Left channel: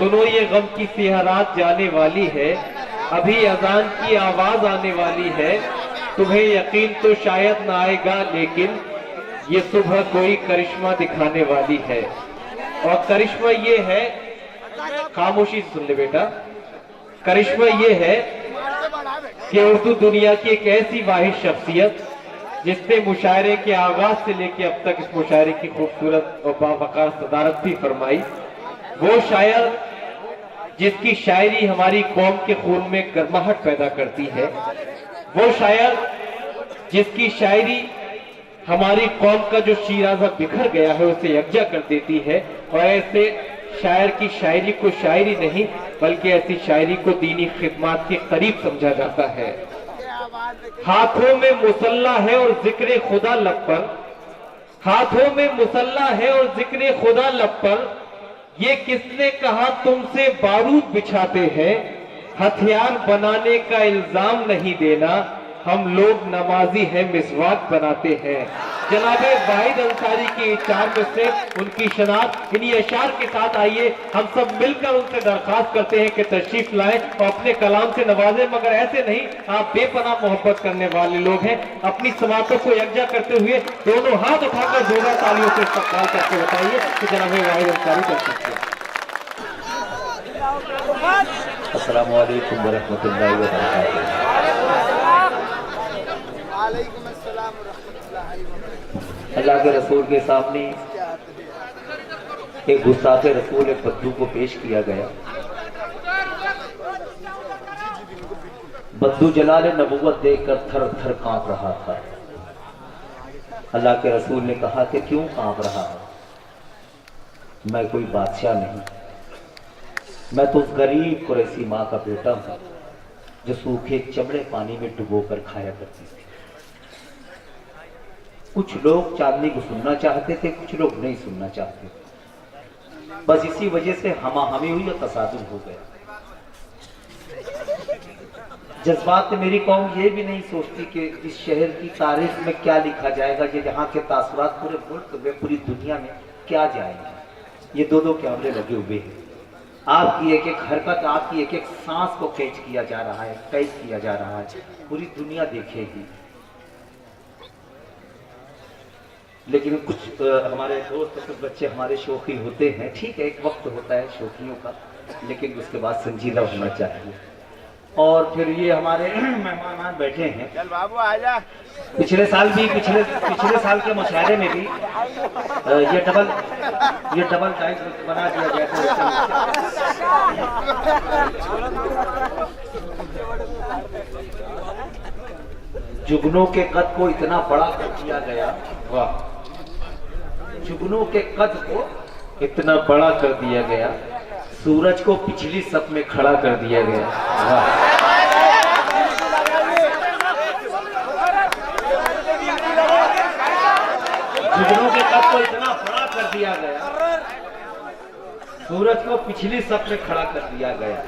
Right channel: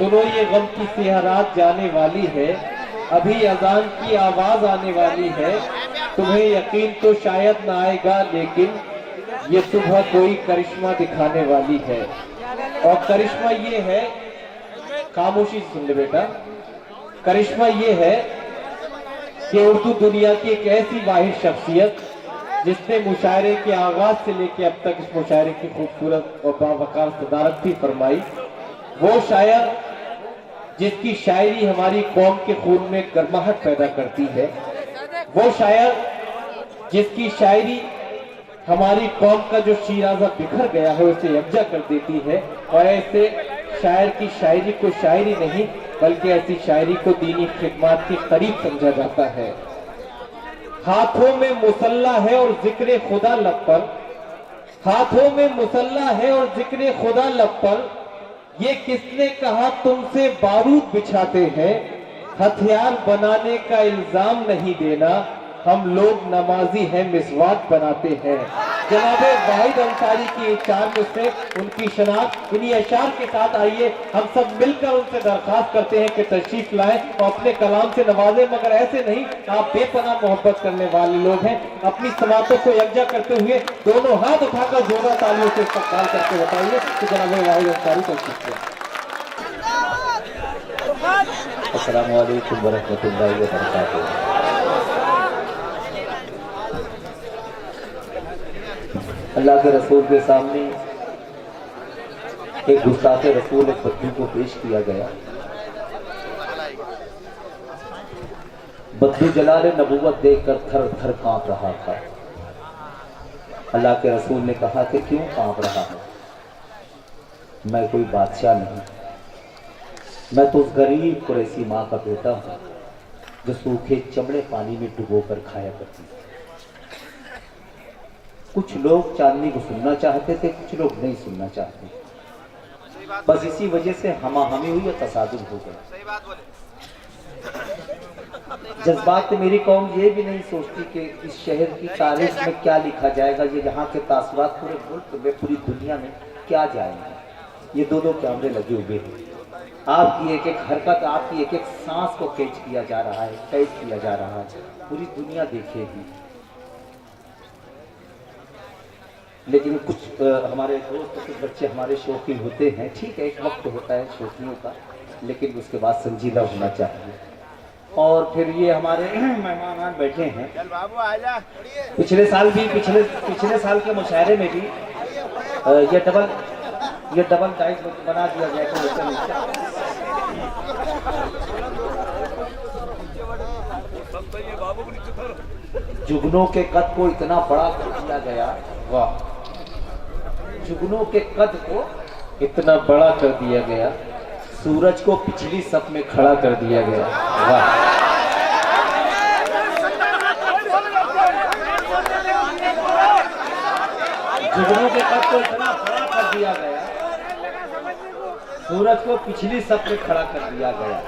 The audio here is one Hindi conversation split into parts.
सुनो ये गम की सिहरात जाने वाली है, अभी अजान की आवाज आने वाली है। तुम्हें यकीन तो शायद ना आएगा, लेकिन ये सुबह कोई करिश्मा दिखाने वाली है। और करिश्मा ये है, खामोशी से सुन ले बेटा, करिश्मा ये है कि उर्दू दुनिया की एक ऐसी वाहिद शख्सियत जिसने मुशायरे के आगाज से लेकर अब तक इस मुशायरे की खूबसूरत और बावकार सदारत भी फरमाई, वो शायर जिसकी शायरी हमारी कौम के खून में गर्माहट पैदा करती है, वो शायर जिसकी शायरी हमारी कौम का जो शीराजा बिखर गया है उसे यकजा कर देती है। और ऐसे शायर की शायरी को शायरी नहीं बल्कि ऐसी शायरी को दीनी खिदमत के करीब समझा जाता है। हाथों में मुसल्ला है और जिक्र खुदा लब पर, हाथों में मुसल्ला है और जिक्र खुदा लब पर, ये किसने कहा तुमसे बारूद बिछाते हैं, हथियार बनाने का इल्जाम नहीं देना, हम लोग नमाजी हैं मिसवाक बनाते हैं। जनाब वाहिद अंसारी की चार में से उनकी शनाख्त इन्हीं अशार के साथ आइए हम सब मिलकर उनसे दरखास्त करते हैं कि तशरीफ लाएं और अपने कलाम से नवाजें, मगर ऐसे नहीं, आप बेपनाह मोहब्बत करने वाले लोग हैं। अपनी समातों को यकजा करते हुए दोनों हाथ उठाकर जोरदार तालियों से इस्तकबाल करके बताइए कि जनाब वाहिद अंसारी कर सकते हैं। अस्सलामु अलैकुम वरहमतुल्लाहि वबरकातुहू। अल्लाह के रसूल के सामने एक गुस्ताखे रसूल एक बद्दू को पेश किया गया। बद्दू जलाल नबूवत देखकर थर थर कांप रहा था। अल्लाह के रसूल ने कहा कि क्यों कांप रहा है? मैं कोई बादशाह नहीं, मैं तो उस गरीब कुरैशी माँ का बेटा हूं जो सूखे चमड़े पानी में डुबोकर खाया करती थी। कुछ लोग चांदनी को सुनना चाहते थे, कुछ लोग नहीं सुनना चाहते। बस इसी वजह से हमाहमी हुई और तसादुम हो गया। जज्बात तो मेरी कौम ये भी नहीं सोचती कि इस शहर की तारीख में क्या लिखा जाएगा, ये यहाँ के तासुरात पूरे मुल्क में पूरी दुनिया में क्या जाएगा। ये दो दो कैमरे लगे हुए हैं, आपकी एक एक हरकत, आपकी एक एक सांस को कैच किया जा रहा है, कैद किया जा रहा है, पूरी दुनिया देखेगी। लेकिन कुछ हमारे दोस्त, कुछ बच्चे हमारे शौकीन होते हैं, ठीक है, एक वक्त होता है शौकीनों का, लेकिन उसके बाद संजीदा होना चाहिए। और फिर ये हमारे मेहमान बैठे हैं, चल बाबू आजा। पिछले साल पिछले साल के मुशायरे में भी ये डबल टाइप बना दिया गया था। जुगनों के कद को इतना बड़ा कर दिया गया, वाह, जुगनों के कद को इतना बड़ा कर दिया गया, सूरज को पिछली सप में खड़ा कर दिया गया, वाह। जुगनों के कद को इतना बड़ा कर दिया गया, सूरज को पिछली सप में खड़ा कर दिया गया।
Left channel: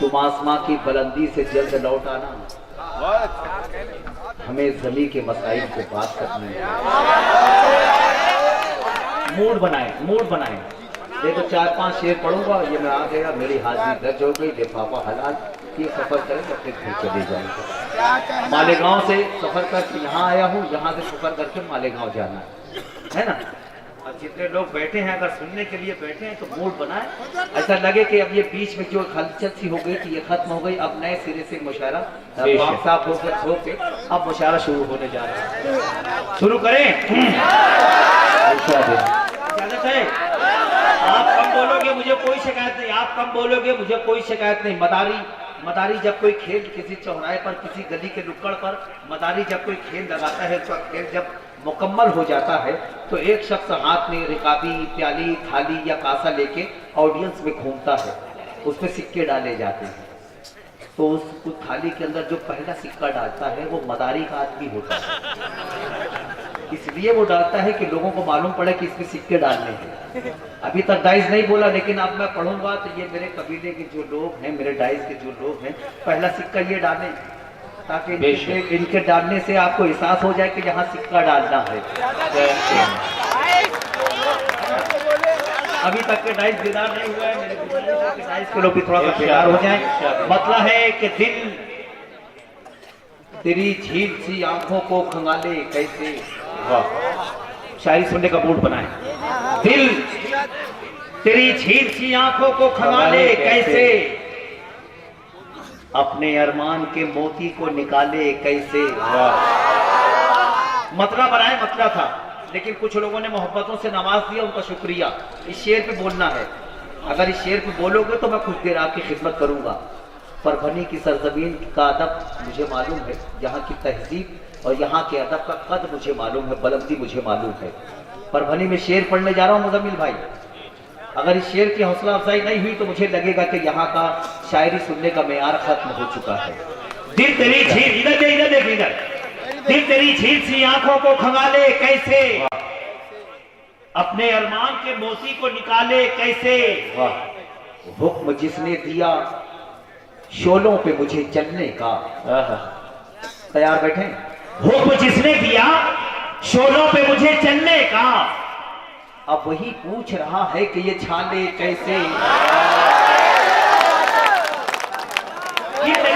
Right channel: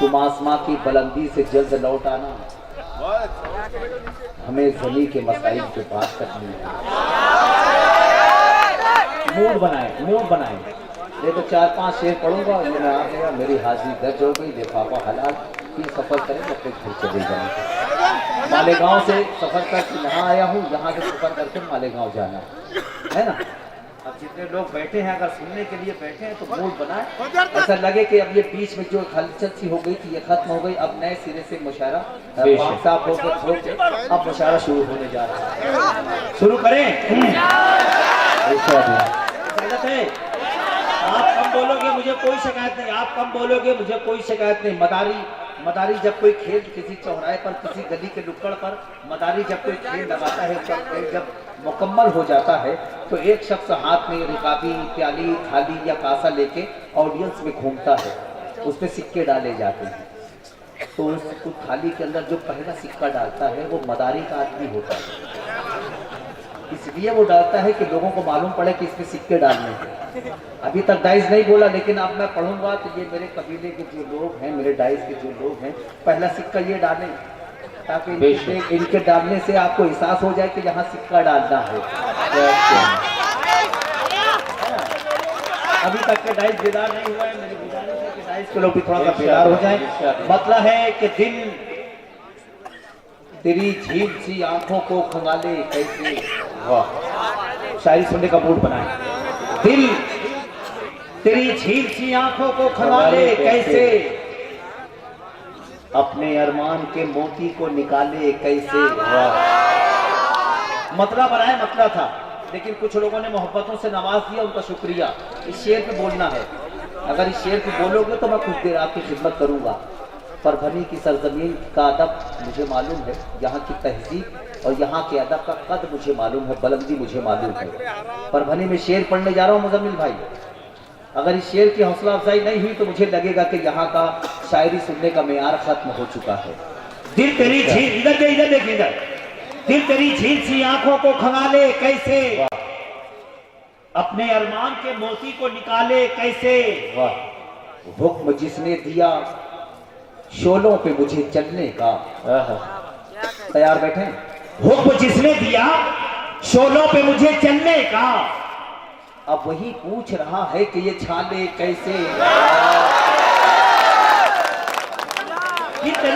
तुम आसमां की बुलंदी से जल्द लौट आना, हमें ज़मी के मसाइल पे बात करनी है। मूड बनाए। ये तो 4-5 शेर पढ़ूंगा, ये मैं आ गया, मेरी हाजिरी दर्ज हो गई, लिफाफा हलाल, ये सफर करें अपने घर चले जाएंगे। मालेगांव से सफर करके यहाँ आया हूँ, यहाँ से सफर करके मालेगांव जाना है ना। अब जितने लोग बैठे हैं, अगर सुनने के लिए बैठे हैं तो मूड बनाए, ऐसा लगे कि अब ये बीच में जो हलचल सी हो गई थी ये खत्म हो गई, अब नए सिरे से मुशायरा साफ होकर अब मुशायरा शुरू होने जा रहा है। शुरू करें। आप कम बोलोगे मुझे कोई शिकायत नहीं, आप कम बोलोगे मुझे कोई शिकायत नहीं। मदारी जब कोई खेल किसी चौराहे पर, किसी गली के नुक्कड़ पर मदारी जब कोई खेल लगाता है, तो खेल जब मुकम्मल हो जाता है तो एक शख्स हाथ में रिकाबी, प्याली, थाली या कासा लेके ऑडियंस में घूमता है, उसमें सिक्के डाले जाते हैं। तो उस थाली के अंदर जो पहला सिक्का डालता है वो मदारी का आदमी होता है। इसलिए वो डालता है कि लोगों को मालूम पड़े कि इसमें सिक्के डालने हैं। अभी तक डाइस नहीं बोला, लेकिन अब मैं पढ़ूंगा तो ये मेरे कबीले के जो लोग हैं, मेरे डाइस के जो लोग हैं, पहला सिक्का ये डालें, ताकि इनके डालने से आपको एहसास हो जाए कि यहाँ सिक्का डालना है। अभी तक के डाइस बेदार नहीं हुआ है, मेरे गुजारिश है कि डाइस के लोग भी थोड़ा सा बेदार हो जाए। मतलब है कि दिल तेरी झील सी आंखों को खंगाले कैसे, वाह शायरी सुनने का मूड बनाए। दिल तेरी झील सी आंखों को खंगाले कैसे, अपने अरमान के मोती को निकाले कैसे। मतलब बनाए मतलब था, लेकिन कुछ लोगों ने मोहब्बतों से नवाज दिया, उनका शुक्रिया। इस शेर पे बोलना है, अगर इस शेर पे बोलोगे तो मैं कुछ देर आपकी खिदमत करूंगा। परभनी की सरजमीन का अदब मुझे मालूम है, यहाँ की तहजीब और यहाँ के अदब का कद मुझे मालूम है, बुलंदी मुझे मालूम है। परभनी में शेर पढ़ने जा रहा हूँ मुजम्मिल भाई, अगर इस शेर की हौसला अफजाई नहीं हुई तो मुझे लगेगा कि यहाँ का शायरी सुनने का मेयार खत्म हो चुका है। दिल तेरी झील, इधर देख इधर, दिल तेरी झील सी आंखों को खंगाले कैसे, अपने अरमान के मोती को निकाले कैसे। हुक्म जिसने दिया शोलों पे मुझे चलने का, तैयार बैठे। हुक्म जिसने दिया शोलों पे मुझे चलने का, अब वही पूछ रहा है कि ये छाले कैसे। ठीक है ना,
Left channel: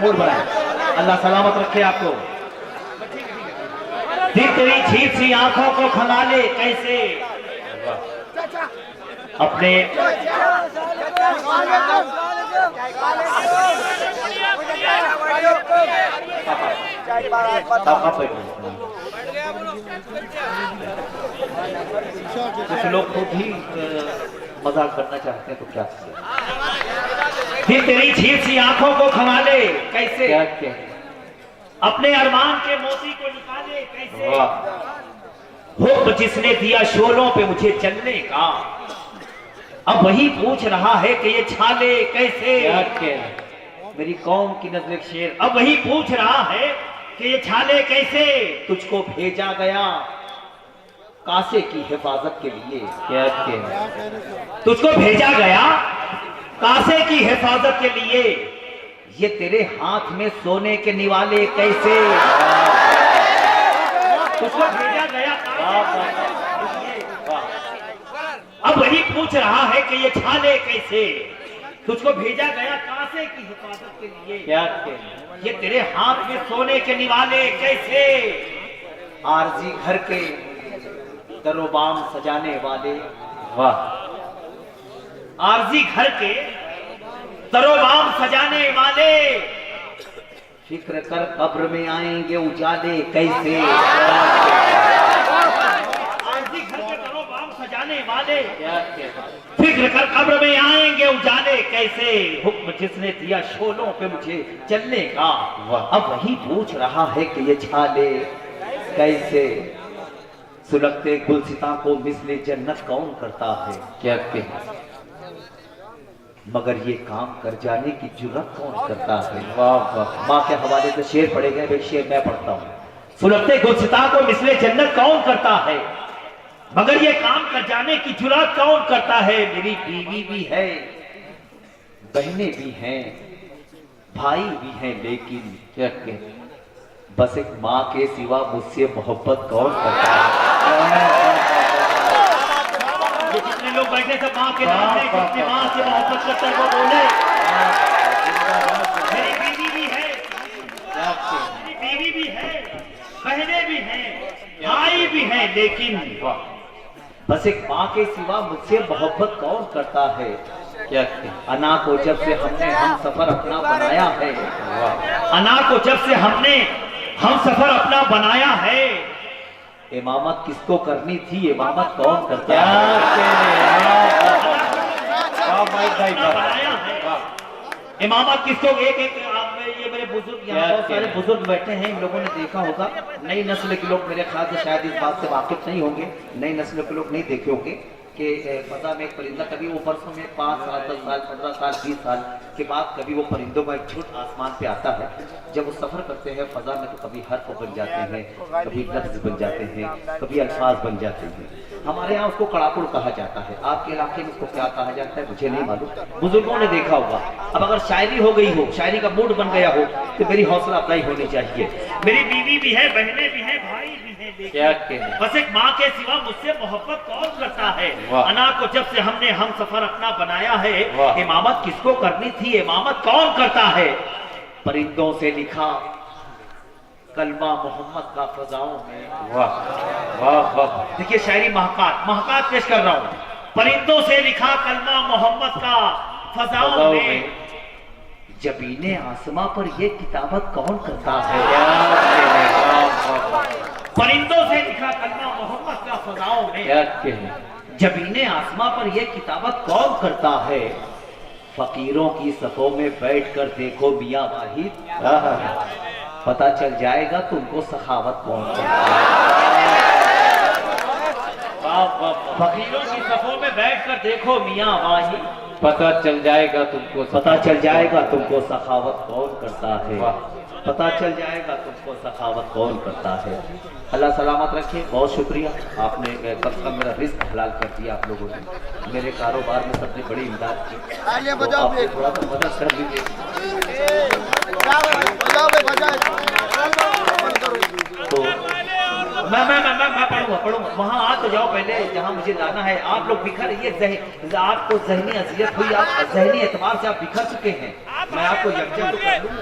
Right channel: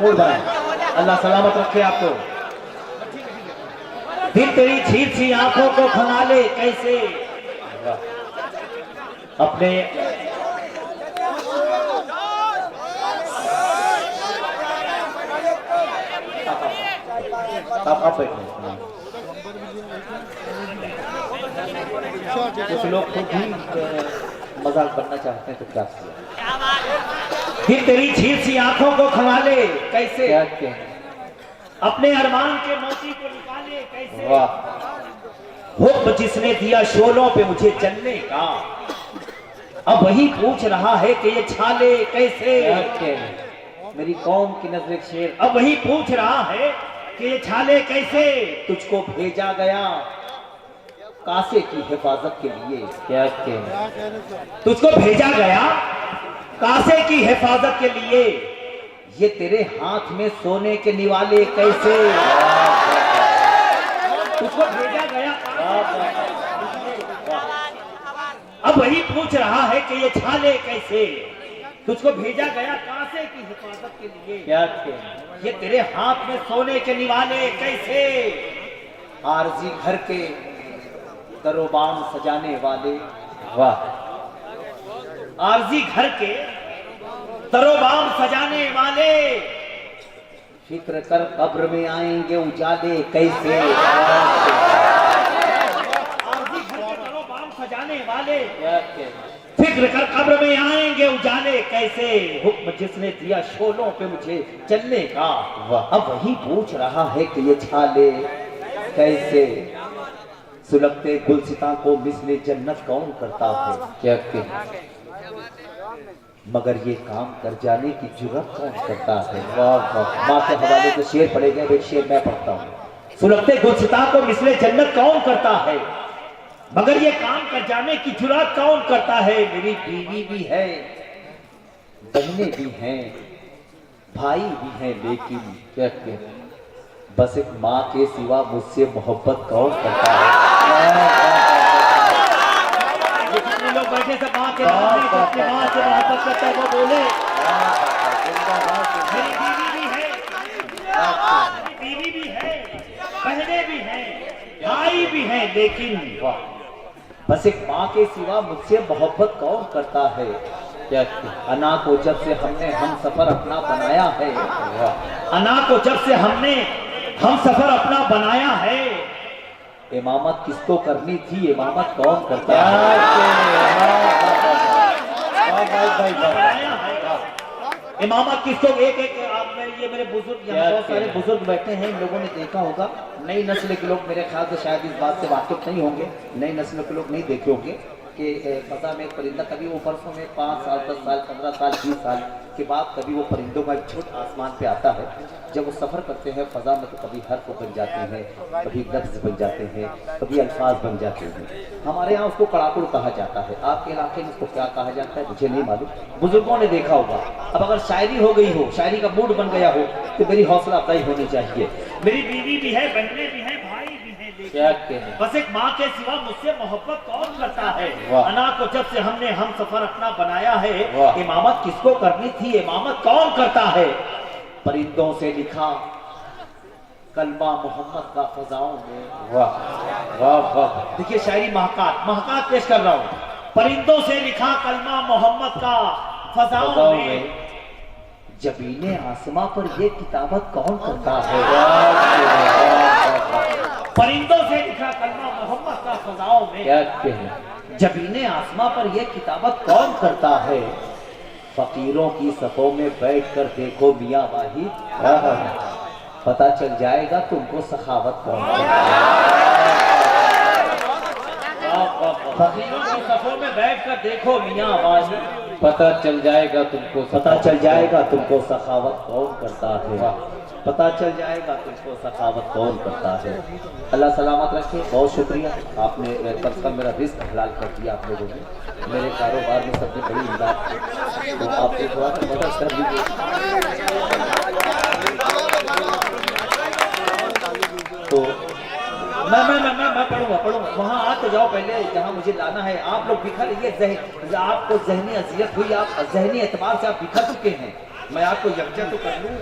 मूड बनाए, अल्लाह सलामत रखे आपको। दिल तेरी झील सी आंखों को खंगाले कैसे, अपने कुछ लोग खुद ही मजाक करना चाहते हैं तो क्या किया। दिल तेरी झील सी आंखों को खंगाले कैसे, अपने अरमान के मोती को निकाले कैसे। हुक्म जिसने दिया शोलों पे मुझे चलने का, अब वही पूछ रहा है कि ये छाले कैसे। मेरी कौम की नजर शेर, अब वही पूछ रहा है कि ये छाले कैसे। तुझको भेजा गया कासे की हिफाजत के लिए, क्या तुझको भेजा गया कासे की हिफाजत के लिए, ये तेरे हाथ में सोने के निवाले कैसे। तुझको भेजा गया, अब वही पूछ रहा है कि ये छाले कैसे। तुझको भेजा गया कासे की हिफाजत के लिए, क्या ये तेरे हाथ में सोने के निवाले कैसे। आरजी घर के दरोबाम सजाने वाले, वाह आरजी घर के दरोबाम सजाने वाले, फिक्र कर कब्र में आएंगे उजाले कैसे। आरजी घर के दरोबाम सजाने वाले, फिक्र कर कब्र में आएंगे उजाले कैसे। हुक्म जिसने दिया शोलों पे मुझे चलने का, अब वही पूछ रहा है कि ये छाले कैसे। सुलगते गुलसिता को मिसले जन्नत कौन करता है, क्या मगर ये काम कर जाने की जुर्रत कौन करता है। वाह वाह, माँ के हवाले से शेर पढ़े गए, एक शेर मैं पढ़ता हूँ। सुलगते गुलसिता को मिसले जन्नत कौन करता है, मगर ये काम कर जाने की जुर्रत कौन करता है। मेरी बीवी भी है, बहनें भी हैं, भाई भी हैं, लेकिन क्या बस एक माँ के सिवा मुझसे मोहब्बत कौन करता है। जितने लोग बैठे सब माँ के नाम में, जितने माँ से मोहब्बत करते हैं वो बोले। मेरी बीवी भी है, मेरी बीवी भी है, बहनें भी हैं, भाई भी हैं, लेकिन बस एक माँ के सिवा मुझसे मोहब्बत कौन करता है। क्या अना को जब से हमने हम सफर अपना बनाया है, अना को जब से हमने हम सफर अपना बनाया है, इमामत किसको करनी थी, इमामत कौन करता है। इमामत किसको, एक ये मेरे बुजुर्ग, यहाँ बहुत सारे बुजुर्ग बैठे हैं, इन लोगों ने देखा होगा। नई नस्ल के लोग मेरे ख्याल से शायद इस बात से वाकिफ नहीं होंगे, नई नस्ल के लोग नहीं देखे होंगे। कि फजा में एक परिंदा कभी वो परसों में 5 साल 10 साल 15 साल 20 साल के बाद कभी वो परिंदों का एक छुट आसमान पे आता है। जब वो सफ़र करते हैं फजा में तो कभी हर्फ बन जाते हैं, कभी लफ्ज बन जाते हैं, कभी अल्फाज बन जाते हैं। हमारे यहाँ उसको कड़ाकुड़ कहा जाता है, आपके इलाके में उसको क्या कहा जाता है मुझे नहीं मालूम, बुजुर्गों ने देखा होगा। अब अगर शायरी हो गई हो, शायरी का मूड बन गया हो तो मेरी हौसला अफजाई होनी चाहिए। मेरी बीवी भी है, बहनें भी हैं, भाई भी हैं, क्या कहने? बस एक माँ के सिवा मुझसे मोहब्बत कौन करता है। अना को जब से हमने हम सफर अपना बनाया है, इमामत किसको करनी थी, इमामत कौन करता है। परिंदों से लिखा कलमा मोहम्मद का फजाओं में। वाह वाह वाह। देखिए शायरी महकात पेश कर रहा हूँ। परिंदों से लिखा कलमा मोहम्मद का फजाओं में, जबीने आसमां पर ये किताबत कौन करता है। परिंदों से लिखा कलमा मोहम्मद का फजाओं में, क्या कहने? जबीने आसमां पर ये किताबत कौन करता है। फकीरों की सफों में बैठकर देखो मियां वाहिद, पता चल जाएगा तुमको सखावत कौन करता है। फकीरों की सफों में बैठकर देखो मियां वाहिद, पता चल जाएगा तुमको, पता चल जाएगा तुमको सखावत कौन करता है। पता चल जाएगा तुमको सखावत कौन करता है। अल्लाह सलामत रखे। बहुत शुक्रिया, आपने कम से कम मेरा रिस्क हलाल कर दिया आप लोगों ने। मेरे कारोबार में सबसे बड़ी इमदाद की, तो आपसे थोड़ा सा मदद कर दीजिए। तो मैं पढ़ूंगा। वहाँ आ तो जाओ पहले जहाँ मुझे लाना है। आप लोग बिखर ये आपको जहनी अजियत हुई, आप जहनी एतबार से आप बिखर चुके हैं। मैं आपको यकजा तो कर लूँ,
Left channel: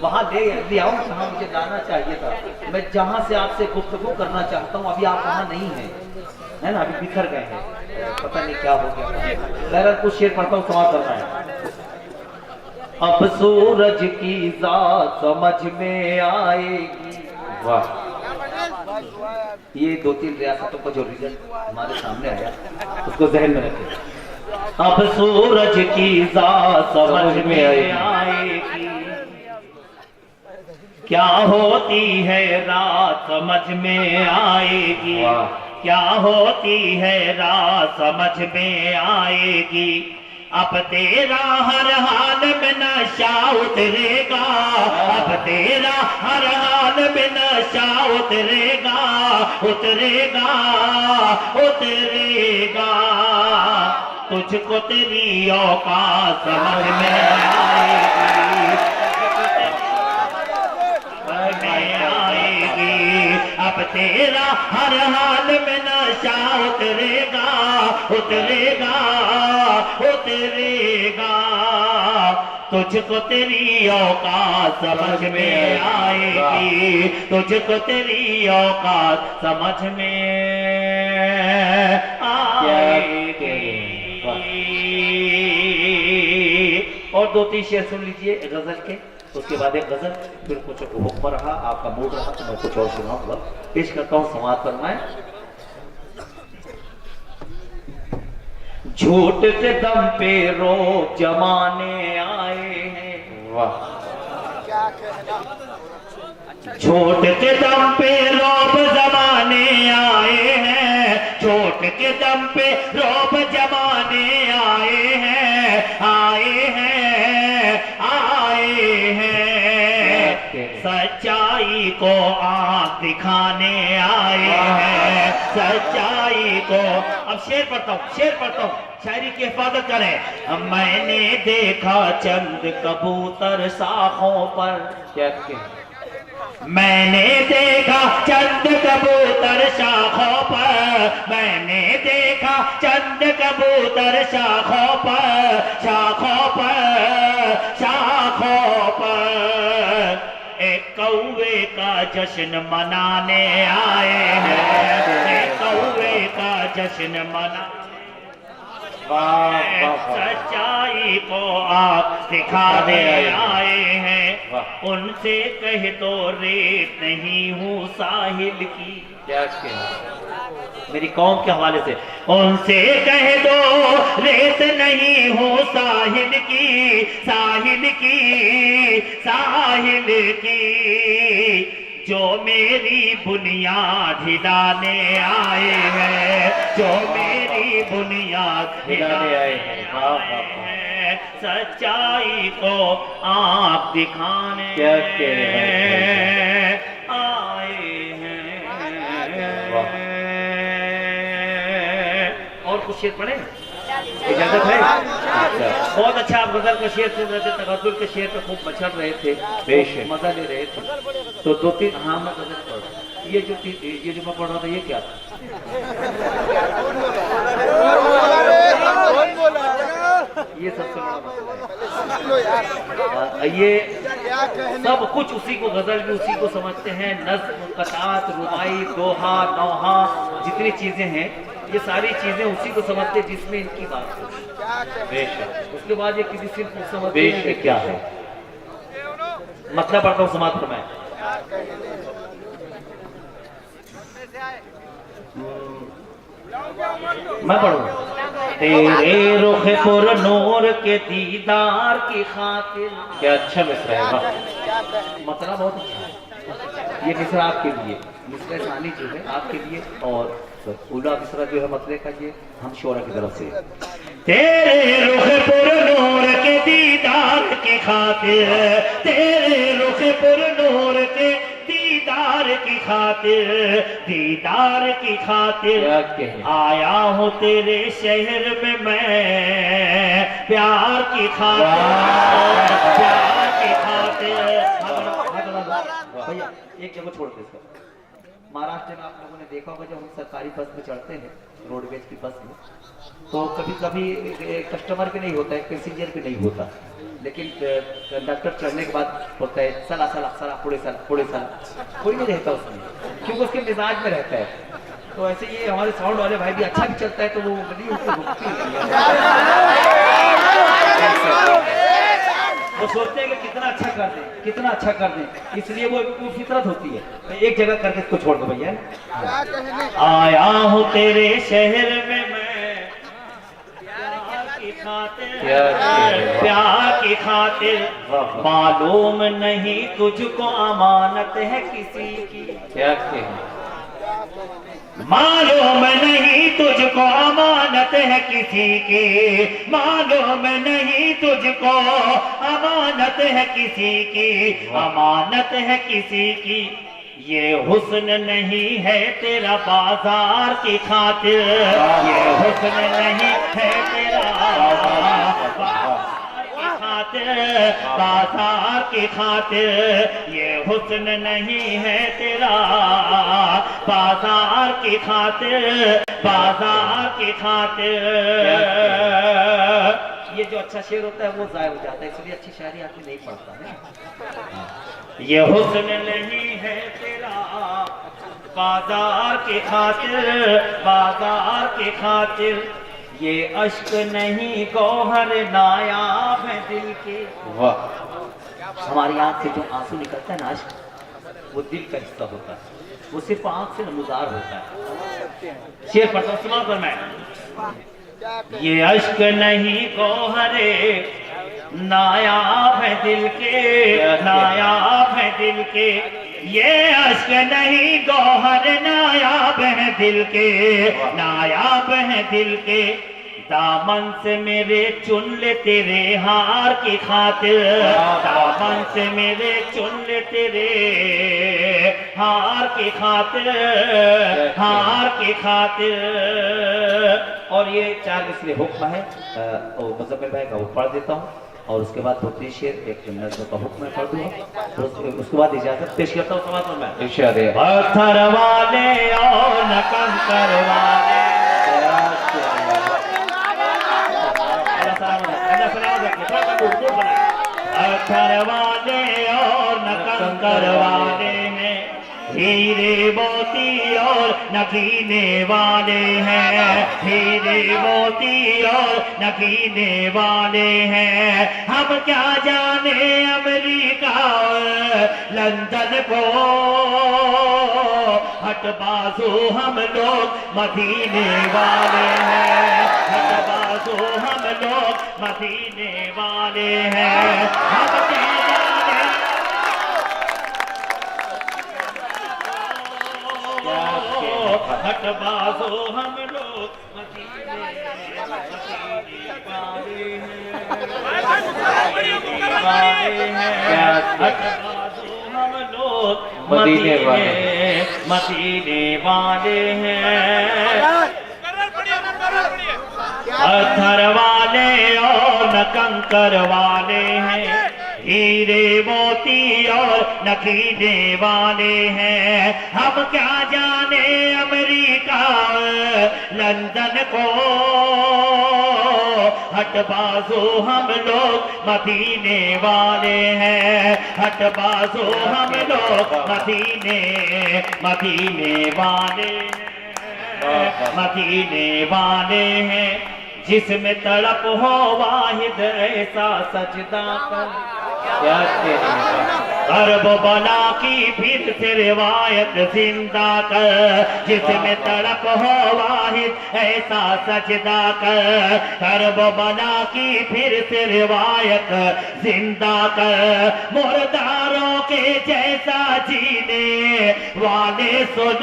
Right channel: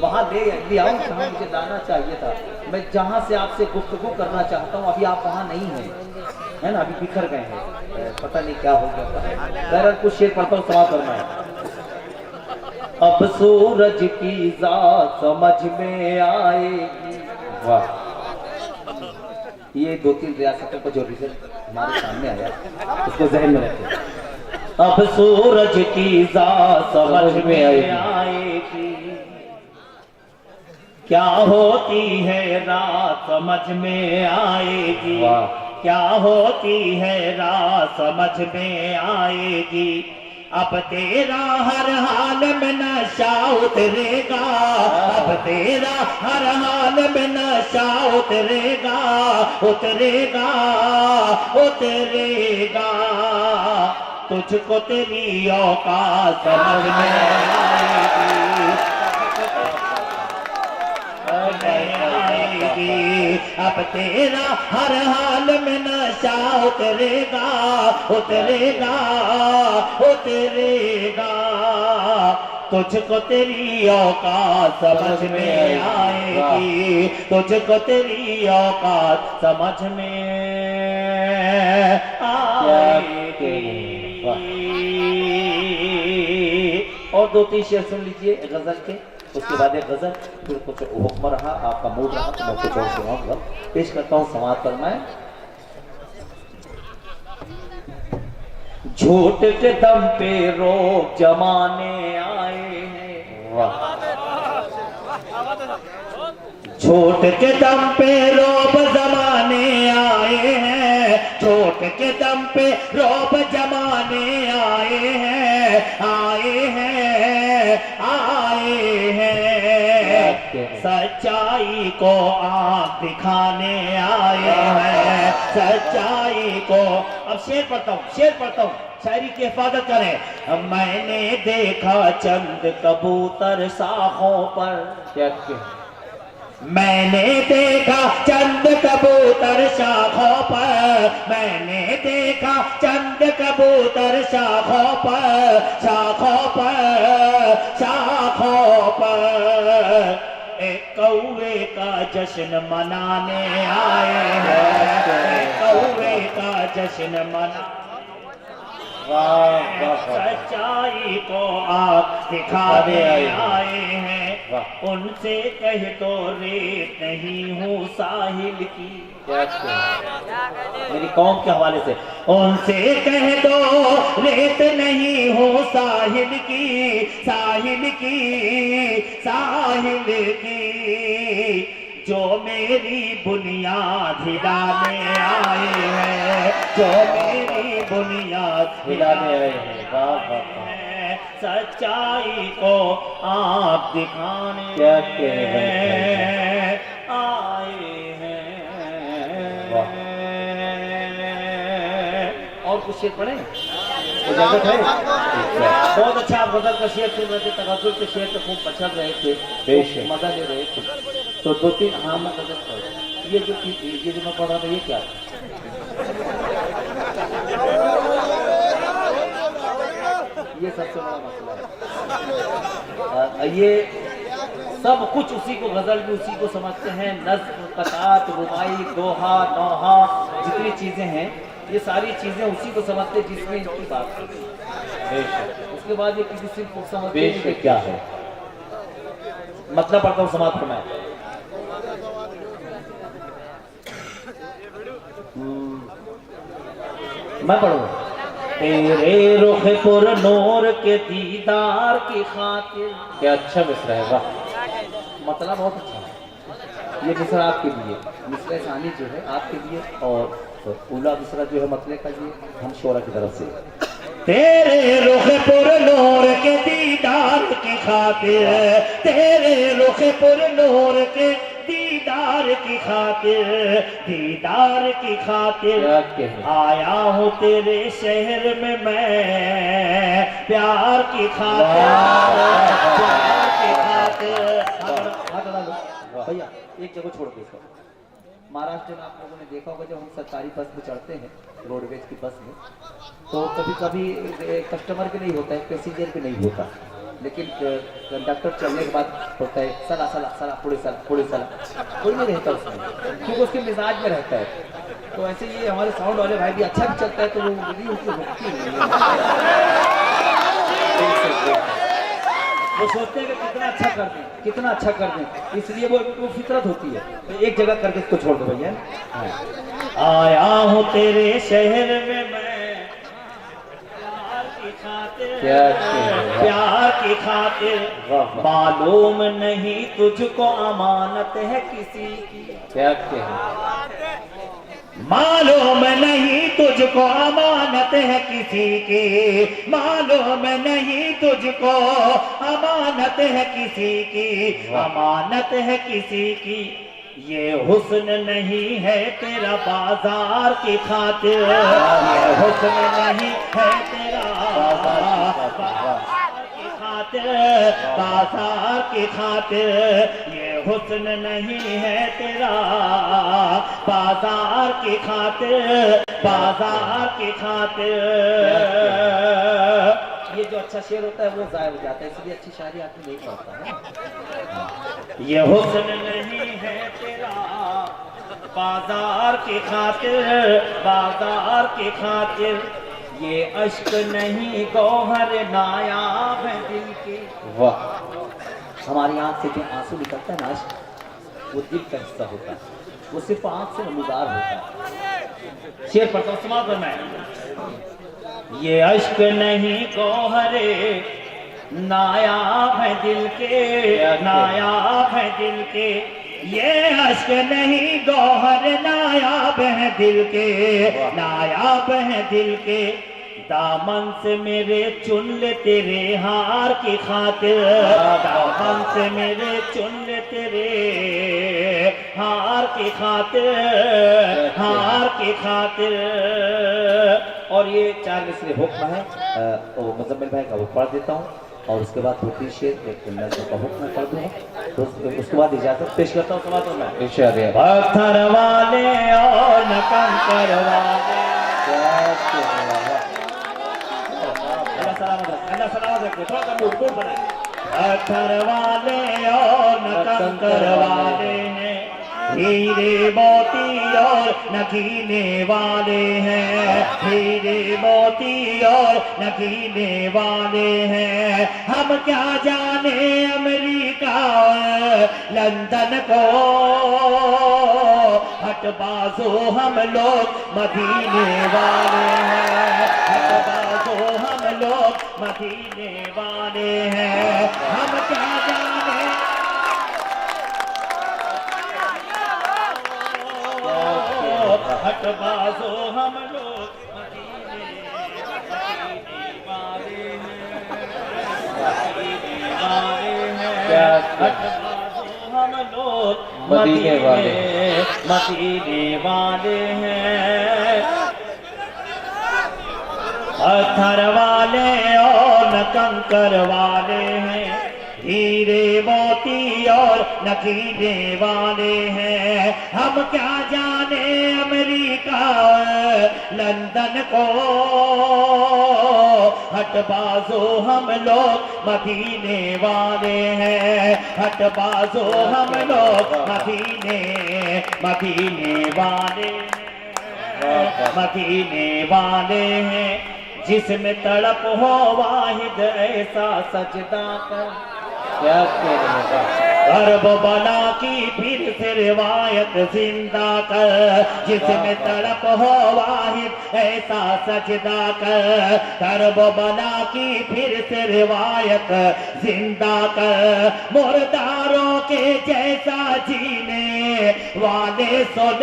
वहाँ ले आऊँ जहाँ मुझे लाना चाहिए था। मैं जहाँ से आपसे गुफ्तगू करना चाहता हूँ, अभी आप वहाँ नहीं हैं, है ना, अभी बिखर गए हैं, पता नहीं क्या हो गया। बहरहाल कुछ शेर पढ़ता हूँ, समाप्त करना है। अब सूरज की जात समझ में आएगी। वाह। ये 2-3 रियासतों का जो रिजल्ट हमारे सामने आया उसको जहन में रखें। अब सूरज की जात समझ में आएगी, क्या होती है रात समझ में आएगी। क्या होती है रात समझ में आएगी। अब तेरा हर हाल में नशा उतरेगा, अब तेरा हर हाल में नशा उतरेगा, उतरेगा उतरेगा। तुझको तेरी औकात समझ में आएगी। अब तेरा हर हाल में नशा उतरेगा, उतरेगा उतरेगा। तुझको तेरी औकात समझ में आएगी, तुझको तेरी औकात समझ में आएगी। और 2-3 शेर सुन लीजिए गजल के, उसके बाद एक गजल, फिर कुछ हुक्म रहा, आपका मूड रहा तो मैं कुछ और सुनाऊंगा। पेश करता हूँ, समाज फरमाए। झूठ के दम पे रोक जमाने आए हैं। वाह। झूठ के दम पे रोब जमाने आए हैं, झूठ के दम पे रोब जमाने आए हैं, आए हैं, आए हैं। सच्चाई को आँख दिखाने आए हैं, सच्चाई को। अब शेर पढ़ता हूँ, शायरी की हिफाजत करें। मैंने देखा चंद कबूतर शाखों पर। क्या कहने? मैंने देखा चंद कबूतर शाखों पर, मैंने देखा चंद कबूतर शाखों पर, शाखों पर, शाखों पर। एक कौवे का जश्न मनाने आए हैं, एक कौवे का जश्न मना। सच्चाई को आप दिखाने आए हैं। उनसे कहे तो रेत नहीं हूँ साहिल की। क्या कहने? मेरी कौम के हवाले से उनसे कह दो रेत नहीं हूँ साहिल की, साहिल की, साहिल की। जो मेरी बुनियाद हिलाने आए हैं, जो मेरी बुनियाद हिलाने आए हैं। वाह वाह वाह, सच्चाई को आप दिखाने क्या कह रहे हैं। आए हैं। वाह। और कुछ शेर पढ़े? इजाजत है? बहुत अच्छा आप गजल का शेर सुन रहे थे, तवक्कुल के शेर पे खूब बचड़ रहे थे, बेशक। मजा ले रहे थे। तो दो तीन हाँ मैं गजल पढ़, ये जो मैं पढ़ रहा था ये क्या था? ये सबसे बड़ा मसला है। ये सब कुछ उसी को, गजल भी उसी को समझते हैं। नज्म, कतात, रुबाई, दोहा, नौहा, जितनी चीजें हैं ये सारी चीजें उसी को समझते हैं जिसमें इनकी बात होती है। बेशक उसके बाद ये किसी सिर्फ को समझते हैं कि बेशक क्या है। मतलब पढ़ता हूँ, समाप्त फरमाएं। मैं पढ़ूँ। तेरे रुख पुर नूर के दीदार की खातिर। क्या अच्छा मिसरा है। वाह, मतलब बहुत अच्छा है। ये मिसरा आपके लिए, मिसरा शानी जो है आपके लिए, और तो उला मिसरा जो है मतले का ये हम शोरा की तरफ से। तेरे रुख पुर नूर के दीदार की खातिर, तेरे रुख पुर नूर के दीदार की खातिर, दीदार की खातिर क्या कहें। आया हूँ तेरे शहर में मैं, प्यार की खातिर, प्यार की खातिर। भैया एक जगह छोड़ दो इसको। महाराष्ट्र में आप लोगों ने देखा होगा जब हम सरकारी बस में चढ़ते हैं, रोडवेज की बस में, तो कभी कभी कस्टमर के नहीं होता है, पैसेंजर के नहीं होता, लेकिन कंडक्टर चढ़ने के बाद होता है सला सला सला पुड़े सला पुड़े सला, कोई नहीं रहता उसमें क्योंकि उसके मिजाज में रहता है। तो ऐसे ये हमारे साउंड वाले भाई भी अच्छा भी चलता है तो वो नहीं उसको रुकती नहीं है। वो सोचते हैं कि कितना अच्छा कर दें, कितना अच्छा कर दें, इसलिए वो फितरत होती है। तो एक जगह करके इसको छोड़ दो भैया। आया हूँ तेरे शहर में मैं, प्यार की खातिर, प्यार की खातिर, मालूम नहीं तुझको अमानत है किसी की। क्या कहें। मालूम नहीं तुझको अमानत है किसी की, मालूम नहीं तुझको अमानत है किसी की, अमानत है किसी की। ये हुस्न नहीं है तेरा बाजार की खातिर, ये हुस्न नहीं है तेरा बाजार की खातिर, ये हुस्न नहीं है तेरा बाजार की खातिर, बाजार की खातिर। ये जो अच्छा शेर होता है वो जाया हो जाता है, इसलिए अच्छी शायरी आदमी नहीं पढ़ता है। ये हुस्न नहीं है तेरा बाजार की खातिर, बाजार की खातिर, ये अश्क नहीं गौहर नायाब है दिल के। वाह, हमारी आंख से जो आंसू निकलता है ना, अश्क, वो दिल का हिस्सा होता है, वो सिर्फ आंख से नमूदार होता है। शेर पढ़ता हूं, सुना कर मैं। ये अश्क नहीं गौहरे नायाब है दिल के, नायाब है दिल के, ये अश्क नहीं गौहर नायाब है दिल के, नायाब है दिल के। दामन से मेरे चुन ले तेरे हार की खातिर, दामन से मेरे चुन ले तेरे हार की खातिर, हार की खातिर। और ये 4 मिसरे हुक्म है, तो मुज़म्मिल भाई का वो पढ़ देता हूँ, और उसके बाद 2-3 शेर एक नज़्म का हुक्म पढ़ दूंगा, तो उसके बाद इजाजत पेश करता हूँ। समाज में इरशाद है। पत्थर वाले और न कंकर वाले, पत्थर वाले और न कंकर वाले हैं, हीरे मोती और नगीने वाले हैं, हीरे मोती और नगीने वाले हैं। हम क्या जाने अमेरिका लंदन को, हटबाजो हम लोग मदीने वाले हैं, हटबाजो हम लोग मदीने वाले हैं। हम क्या जाने हटबाजो हम लोग मदीने मदीने वाले मदीने वाले हैं, पत्थर वाले और न कंकर वाले हैं, हीरे मोती और नकीले वाले हैं। हम क्या जाने अमेरिका लंदन को, हटबाजो हम लोग मदीने वाले हैं, हटबाजो हम लोग मदीने वाले हैं, मदीने वाले हैं। जिसमें तड़प हो वाहिद ऐसा सजदा कर, क्या कहने कर्ब बला की फिर से रिवायत जिंदा कर, जिसमें तड़प हो वाहिद ऐसा सजदा कर, कर्ब बला की फिर से रिवायत जिंदा कर। मुर्दारों के जैसा जीने वाले सुन,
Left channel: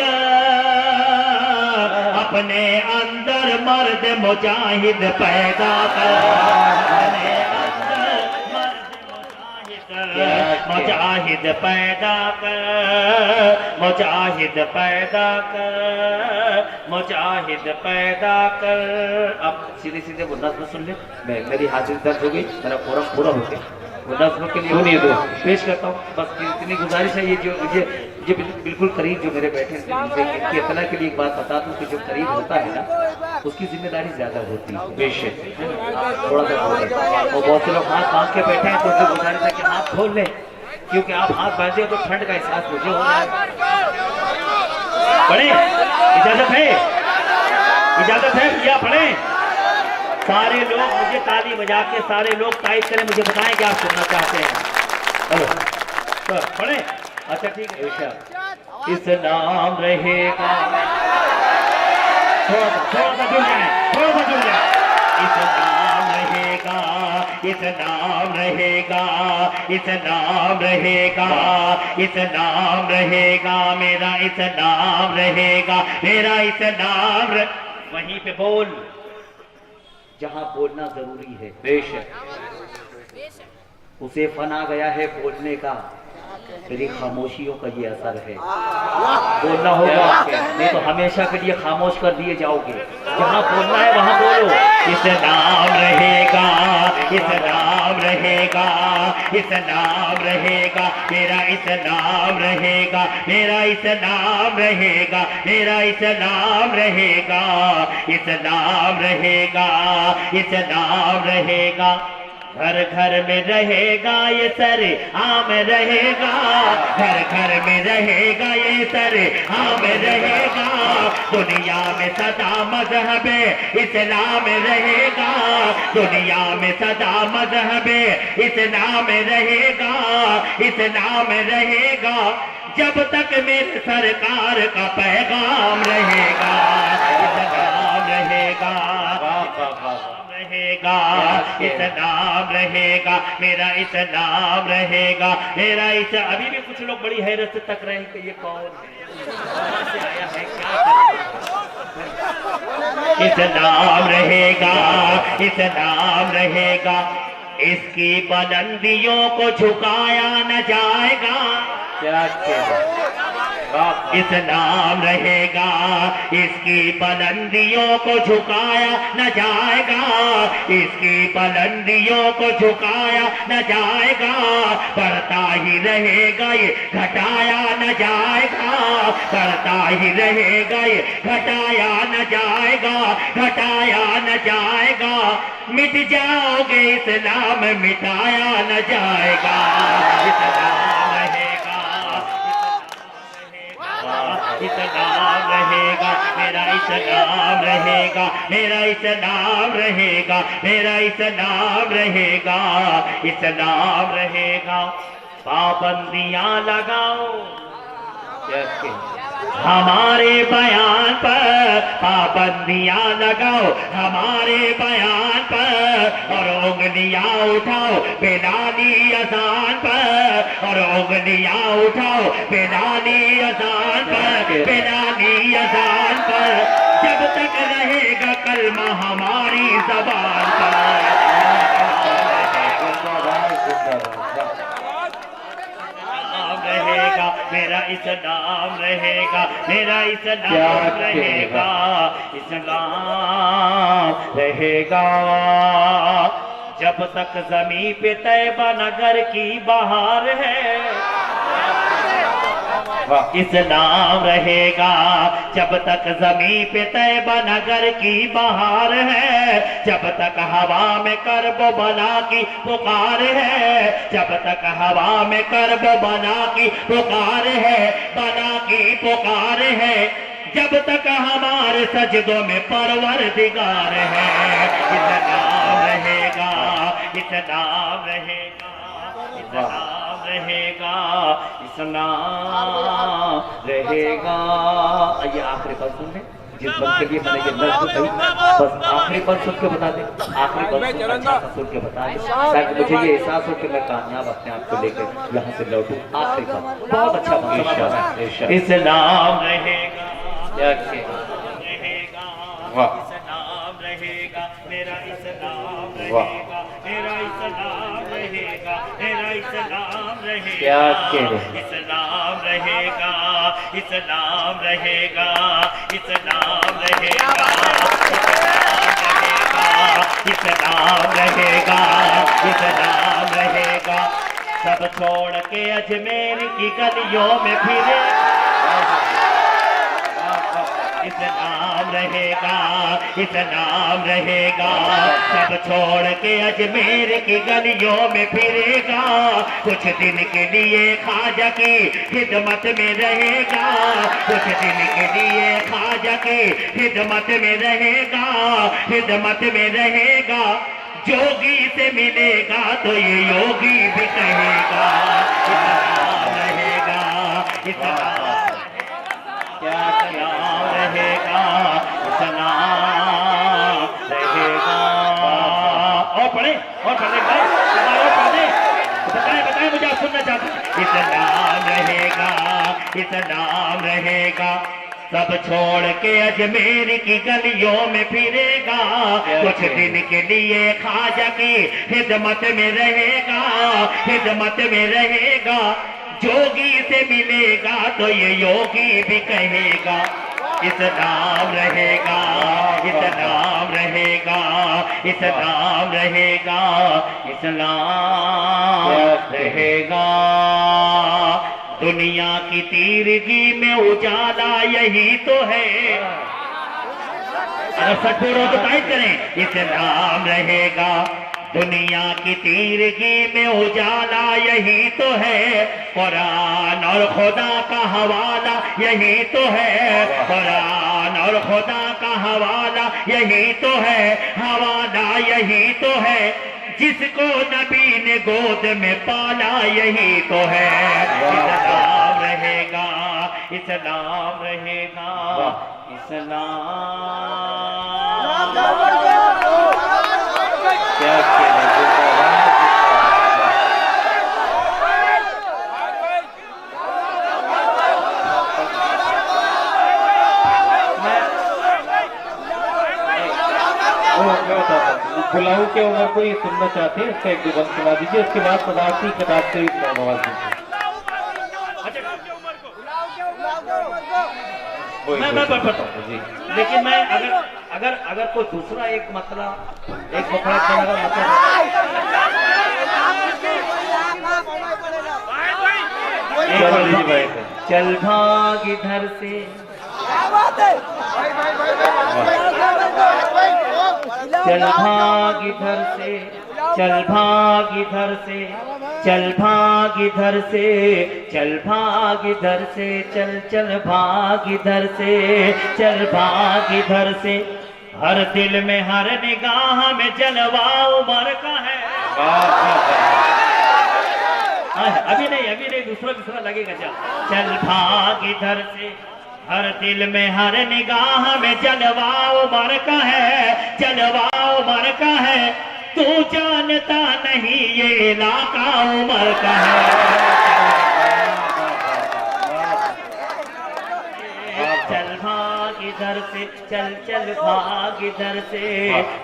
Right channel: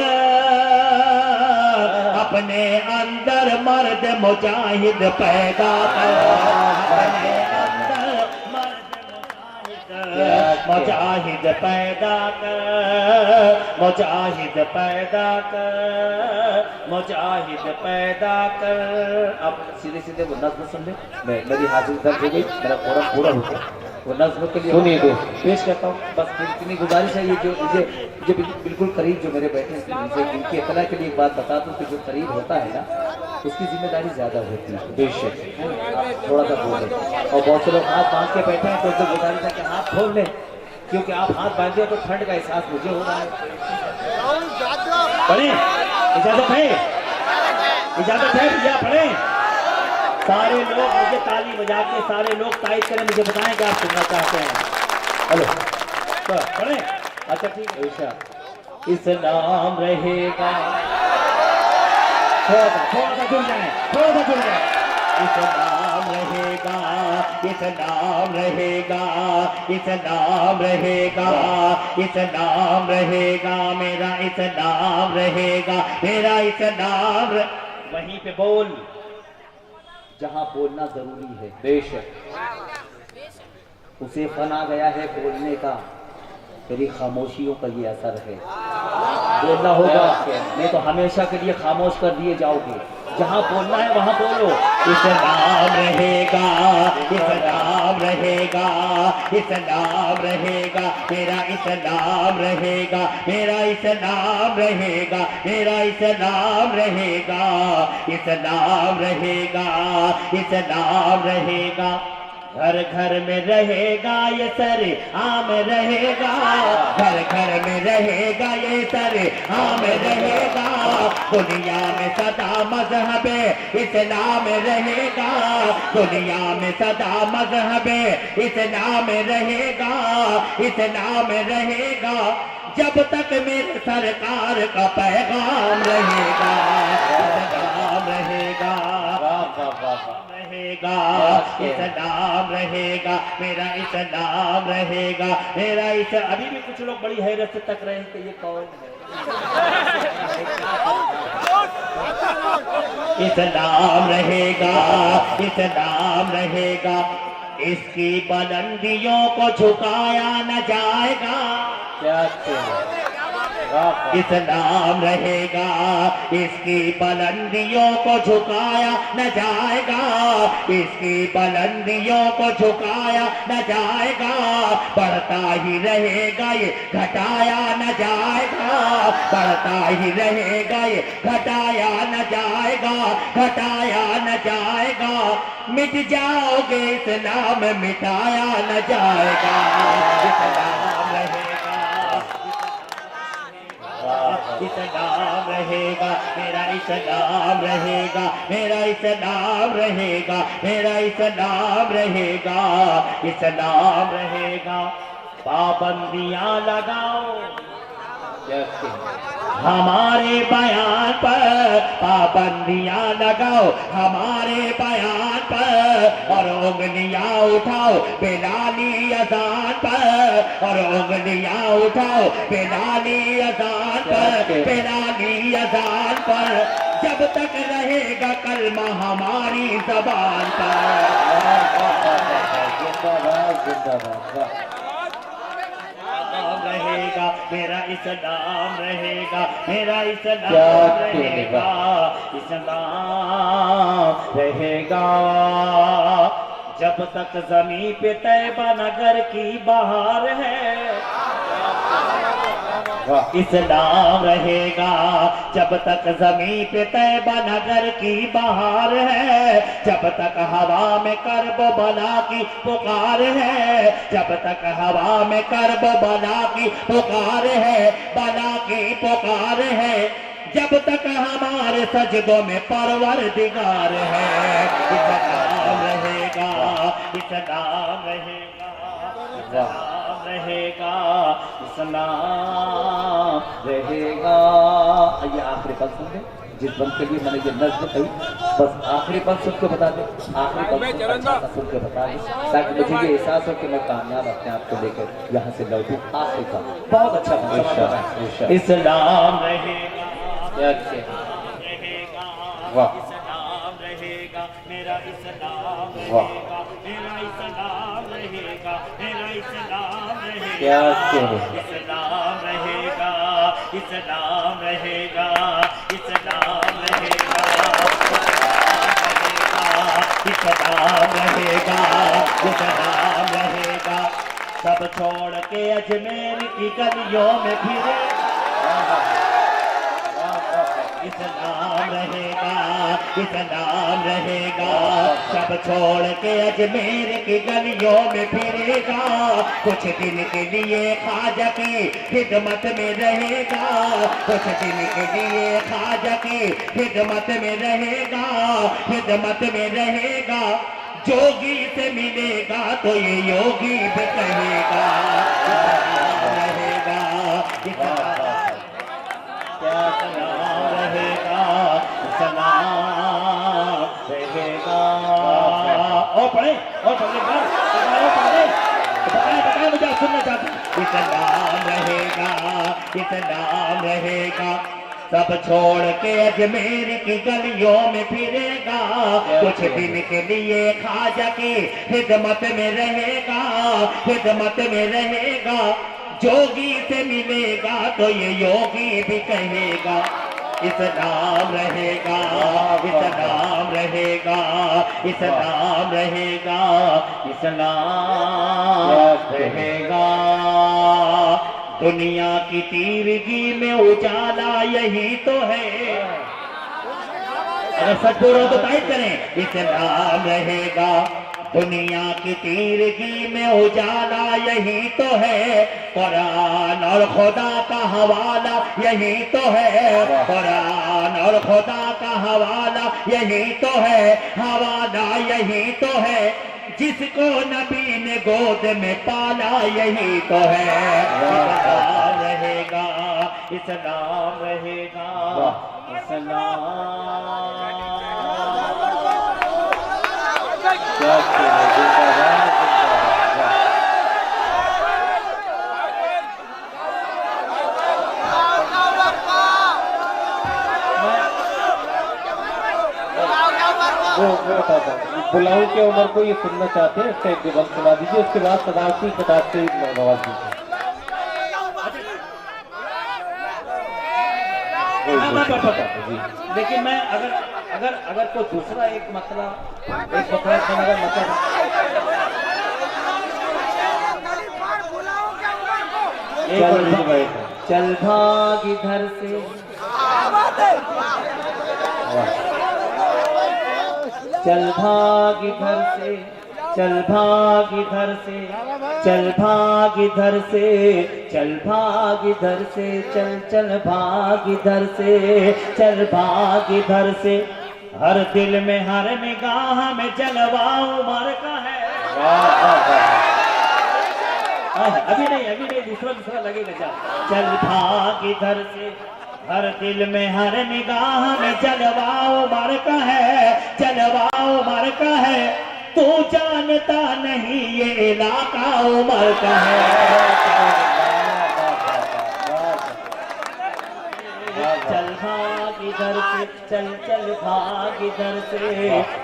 अपने अंदर मर्द मुजाहिद पैदा कर, अपने अंदर मुजाहिद पैदा कर, मुजाहिद पैदा कर, मुजाहिद पैदा कर। अब सीधे सीधे वो नज्म सुन ले। मेरी हाजिर दर्द हो गई, मेरा पूरा पूरा हो गया। वो नज्म के लिए सुनिए दो पेश करता हूँ। बस इतनी गुजारिश है, ये जो मुझे बिल्कुल करीब जो मेरे बैठे हैं, इनकी इतना के लिए एक बात बता दूं कि जो करीब होता है ना, उसकी जिम्मेदारी ज्यादा होती है। बेशक थोड़ा सा बोले, और बहुत से लोग हाथ बांध के बैठे हैं, तो उनसे गुजारिश है कि हाथ खोल लें, क्योंकि आप हाथ बांधे तो ठंड का एहसास मुझे हो रहा है। पढ़े, इजाजत है, इजाजत है भैया, पढ़े। सारे लोग मुझे ताली बजा के, सारे लोग टाइप करें, मुझे बताएं कि आप सुनना चाहते हैं। हेलो तो पढ़े। अच्छा ठीक है। इस्लाम रहेगा, थोड़ा सा जुड़ जाए, थोड़ा सा जुड़ जाए। इस्लाम रहेगा, इस्लाम रहेगा, इस्लाम रहेगा, इस्लाम रहेगा, मेरा इस्लाम रहेगा, मेरा इस्लाम वहीं पे बोल जहां बोलना जरूरी है। बेशक उसे फन आ गया है बोलने का, तेरी खामोशियों का ये असर है। बोलना होगा, नहीं तो हमेशा के लिए खामोश कर दिए जाओगे। जहां बोलना है वहां बोलो। इस्लाम रहेगा, इस्लाम रहेगा, इस्लाम रहेगा, मेरा इस्लाम रहेगा, मेरा इस्लाम रहेगा, मेरा इस्लाम रहेगा, इस्लाम रहेगा, इस्लाम रहेगा। घर घर में रहेगा ये सर आम रहेगा, घर घर में रहेगा ये सर आम रहेगा। दुनिया में सदा मजहब इस्लाम रहेगा, दुनिया में सदा मजहब इस्लाम रहेगा, इस्लाम रहेगा। जब तक मेरे सरकार का पैगाम रहेगा, इस्लाम रहेगा, रहेगा, इस्लाम रहेगा, मेरा इस्लाम रहेगा, मेरा अभी भी कुछ लोग बड़ी हैरत से तक रहे हैं कि ये कौन है। इस्लाम रहेगा, इस्लाम रहेगा, इसकी बुलंदियों को झुकाया न जाएगा। क्या कहना, इस्लाम रहेगा, इसकी बुलंदियों को झुकाया न जाएगा, इसकी बुलंदियों को झुकाया न जाएगा। बढ़ता ही रहेगा ये, घटाया न जाएगा, बढ़ता ही रहेगा ये, घटाया न जाएगा, घटाया न जाएगा। मिट जाओगे इस्लाम, मिटाया न जाएगा। इस्लाम रहेगा, इस्लाम रहेगा, मेरा इस्लाम रहेगा, मेरा इस्लाम रहेगा, मेरा इस्लाम रहेगा, इस्लाम रहेगा। पाबंदियां लगाओ हमारे बयान पर, पाबंदियां लगाओ हमारे बयान पर, और उंगलियां उठाओ बिलाली अज़ान पर, और उंगलियां उठाओ बिलाली अज़ान पर, बिलाली अज़ान पर। जब तक रहेगा कलमा हमारी ज़बान पर, रहेगा, मेरा इस्लाम रहेगा, मेरा इस्लाम क्या रहेगा, इस्लाम रहेगा। जब तक जमीन पे तैबा नगर की बहार है, इस्लाम रहेगा। जब तक जमीन पे तैबा नगर की बहार है, जब तक हवा में करब बला की पुकार है, जब तक हवा में करब बला की पुकार है, बला की पुकार है, जब तक हमारे सजदों में परवरदिगार है, इस्लाम रहेगा, इस्लाम रहेगा, इस्लाम रहेगा, इस्लाम रहेगा। ये आखिरी बात सुन ले, जिस बंद के लिए मैंने ये नज्म कही, बस आखिरी बात सुन के बता दे, आखिरी बात सुन के बता दे, ताकि मुझे ये एहसास हो कि मैं कामयाब अपने आप को लेकर यहाँ से लौटूं। आखिरी बात बहुत अच्छा बना। इस्लाम रहेगा, रहेगा, इस्लाम रहेगा, मेरा इस्लाम रहेगा, मेरा इस्लाम रहेगा, मेरा इस्लाम रहेगा, इस्लाम रहेगा, इस्लाम रहेगा, इस्लाम रहेगा, इस्लाम रहेगा, इस्लाम रहेगा। सब छोड़ के अजमेर की गलियों में फिरे, इस्लाम रहेगा, इस्लाम रहेगा। सब छोड़ के अजमेर की गलियों में फिरेगा, कुछ दिन के लिए ख्वाजा की खिदमत में रहेगा, कुछ दिन के लिए ख्वाजा की खिदमत में रहेगा, खिदमत में रहेगा। जोगी से मिलेगा तो ये योगी भी कहेगा, इस्लाम रहेगा, इस्लाम रहेगा, इस्लाम रहेगा। और पढ़े, और पढ़ने के बाद पढ़े, बताए मुझे, आप सुनना चाहते हैं। इस्लाम रहेगा, इस्लाम रहेगा। सब छोड़ के अजमेर की गलियों में फिरेगा, कुछ दिन के लिए ख्वाजा की खिदमत में रहेगा, खिदमत में रहेगा। जोगी से मिलेगा तो ये योगी भी कहेगा, इस्लाम रहेगा, इस्लाम रहेगा, इस्लाम रहेगा, इस्लाम रहेगा। दुनिया की तीरगी में उजाला यही तो है, अगर सब बोलो तो टाइप करें, इस्लाम रहेगा। दुनिया की तीरगी में उजाला यही तो है, कुरान और खुदा का हवाला यही तो है, कुरान और खुदा का हवाला यही तो है, हवाला यही तो है। जिसको नबी ने गोद में पाला यही तो है, इस्लाम रहेगा, इस्लाम रहेगा, इस्लाम। बुलाऊ के उम्र को ये सुनना चाहते हैं, इसका एक दो बंद सुना दीजिए, उसके बाद सदारती किताब से नवाज दीजिए। जी, लेकिन मैं अगर कोई दूसरा एक मसला चल भाग इधर से, चल भाग इधर से, चल भाग इधर से, चल भाग इधर से, चल भाग इधर से, चल चल भाग इधर से, चल भाग इधर से। हर दिल में हर निगाह में जलवा उमर का है। अभी नहीं दूसरा लगेगा। चल भाग इधर से, हर दिल में हर निगाह में जलवा उमर का है, जलवा उमर का है। तू जानता नहीं ये इलाका उमर का है। चल भाग इधर से, चल चल भाग इधर से,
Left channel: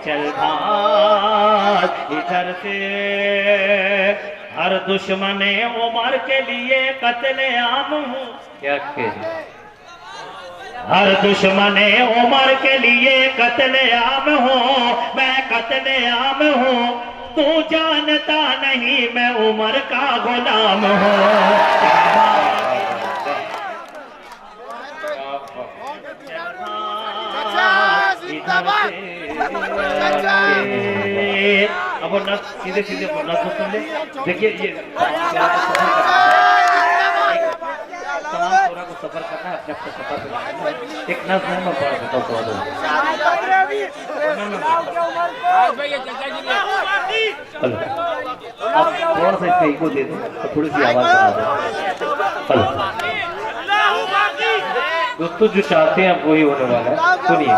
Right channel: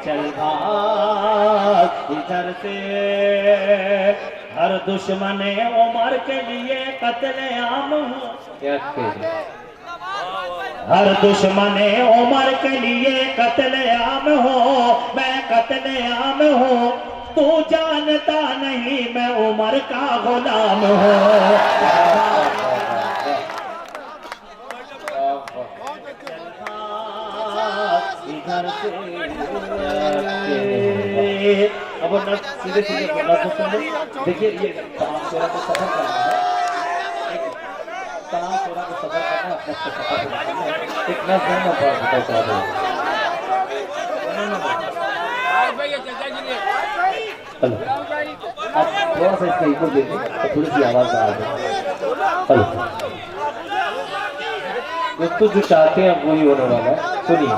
चल भाग इधर से। हर दुश्मन उमर के लिए कत्लेआम हूँ। क्या कहे? हर दुश्मन उमर के लिए कत्लेआम हूँ, मैं कत्लेआम हूँ। तू जानता नहीं मैं उमर का गुलाम हूँ। अब नस सीधे सीधे बोलना तो सुन ले। देखिए ये तमाम को सफर करना अपने अपने सफर करना एक नस नहीं होता हेलो आप थोड़ा सा इसका इको दे दें तो थोड़ी सी आवाज आ रही हेलो दोस्तों जो चाहते हैं वही होने वाला है। सुनिए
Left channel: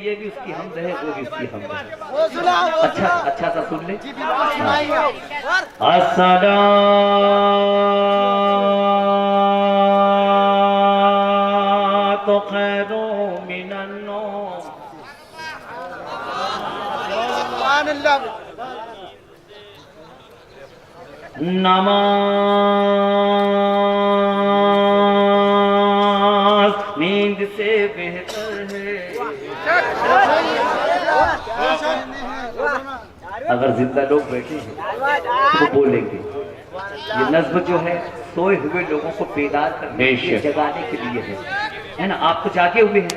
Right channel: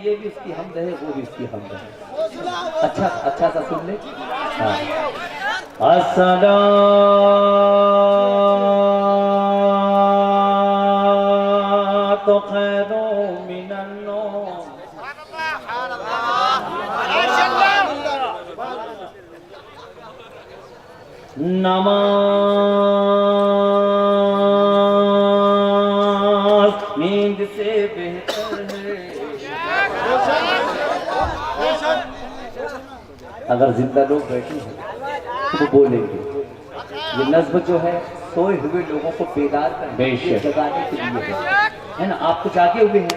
ये भी उसकी हमद है, वो भी उसकी हमद है। अच्छा अच्छा सा सुन ले। अस्सलातु खैरुम मिनन नौम। नमाज नींद से बेहतर है। अगर जिंदा लोग बैठे हैं तो बोलेंगे। ये नज़्म जो है सोए हुए लोगों को बेदार करने के लिए, जगाने के लिए है ना। आप तो जागे हुए हैं,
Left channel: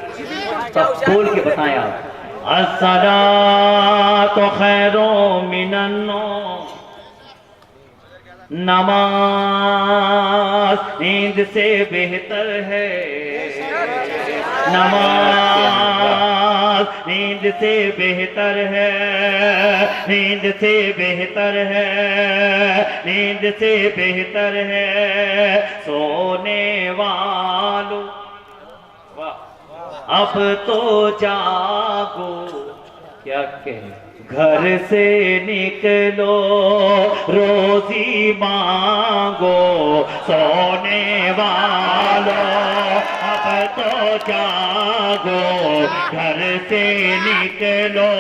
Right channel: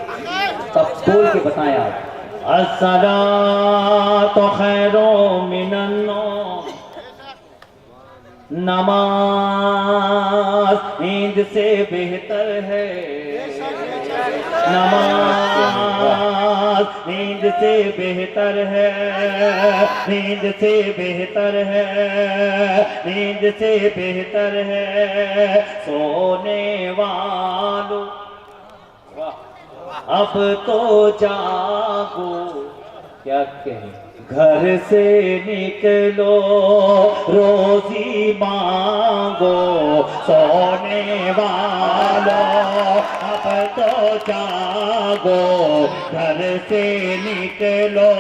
तब बोल के बताएं आप। अस्सलातु खैरुम मिनन नौम। नमाज नींद से बेहतर है। नमाज नींद से बेहतर है। नींद से बेहतर है। नींद से बेहतर है। सोने वालों अब तो जागो। क्या कहें? घर से निकलो रोजी मांगो। सोने वालों अब तो जागो। घर से निकलो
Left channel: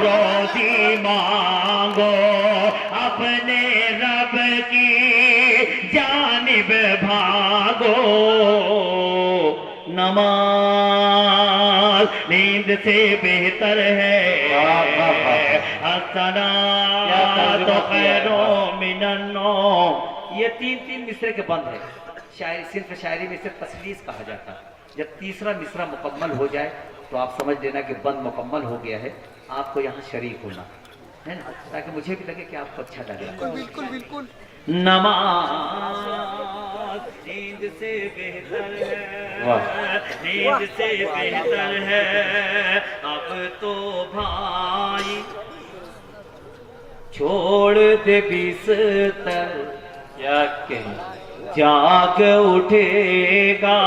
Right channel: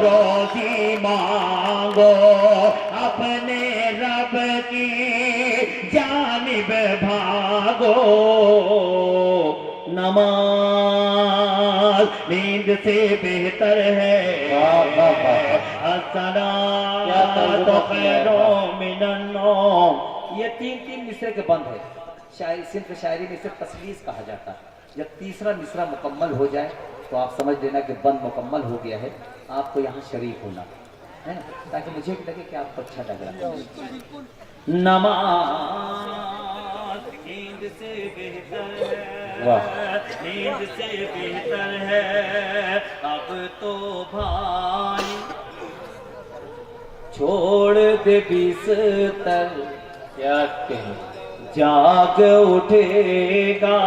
रोजी मांगो। अपने रब की जानिब भागो। नमाज नींद से बेहतर है। अस्सलातु खैरुम मिनन नौम। ये तीन तीन मिसरे के बंद है। शायरी सिर्फ शायरी में सिर्फ तसलीस कहा जाता है। जब तीसरा मिसरा मुकम्मल हो जाए तो आप समझ लेना कि बंद मुकम्मल हो गया है। आपको यहाँ शरीक होना है ना, ताकि मुझे भी लगे कि आपको अच्छा लगे। बिल्कुल बिल्कुल। नमाज नींद से बेहतर है। नींद से बेहतर है। अब तो भाई छोड़ दे बिस्तर। क्या कहें? जाग उठेगा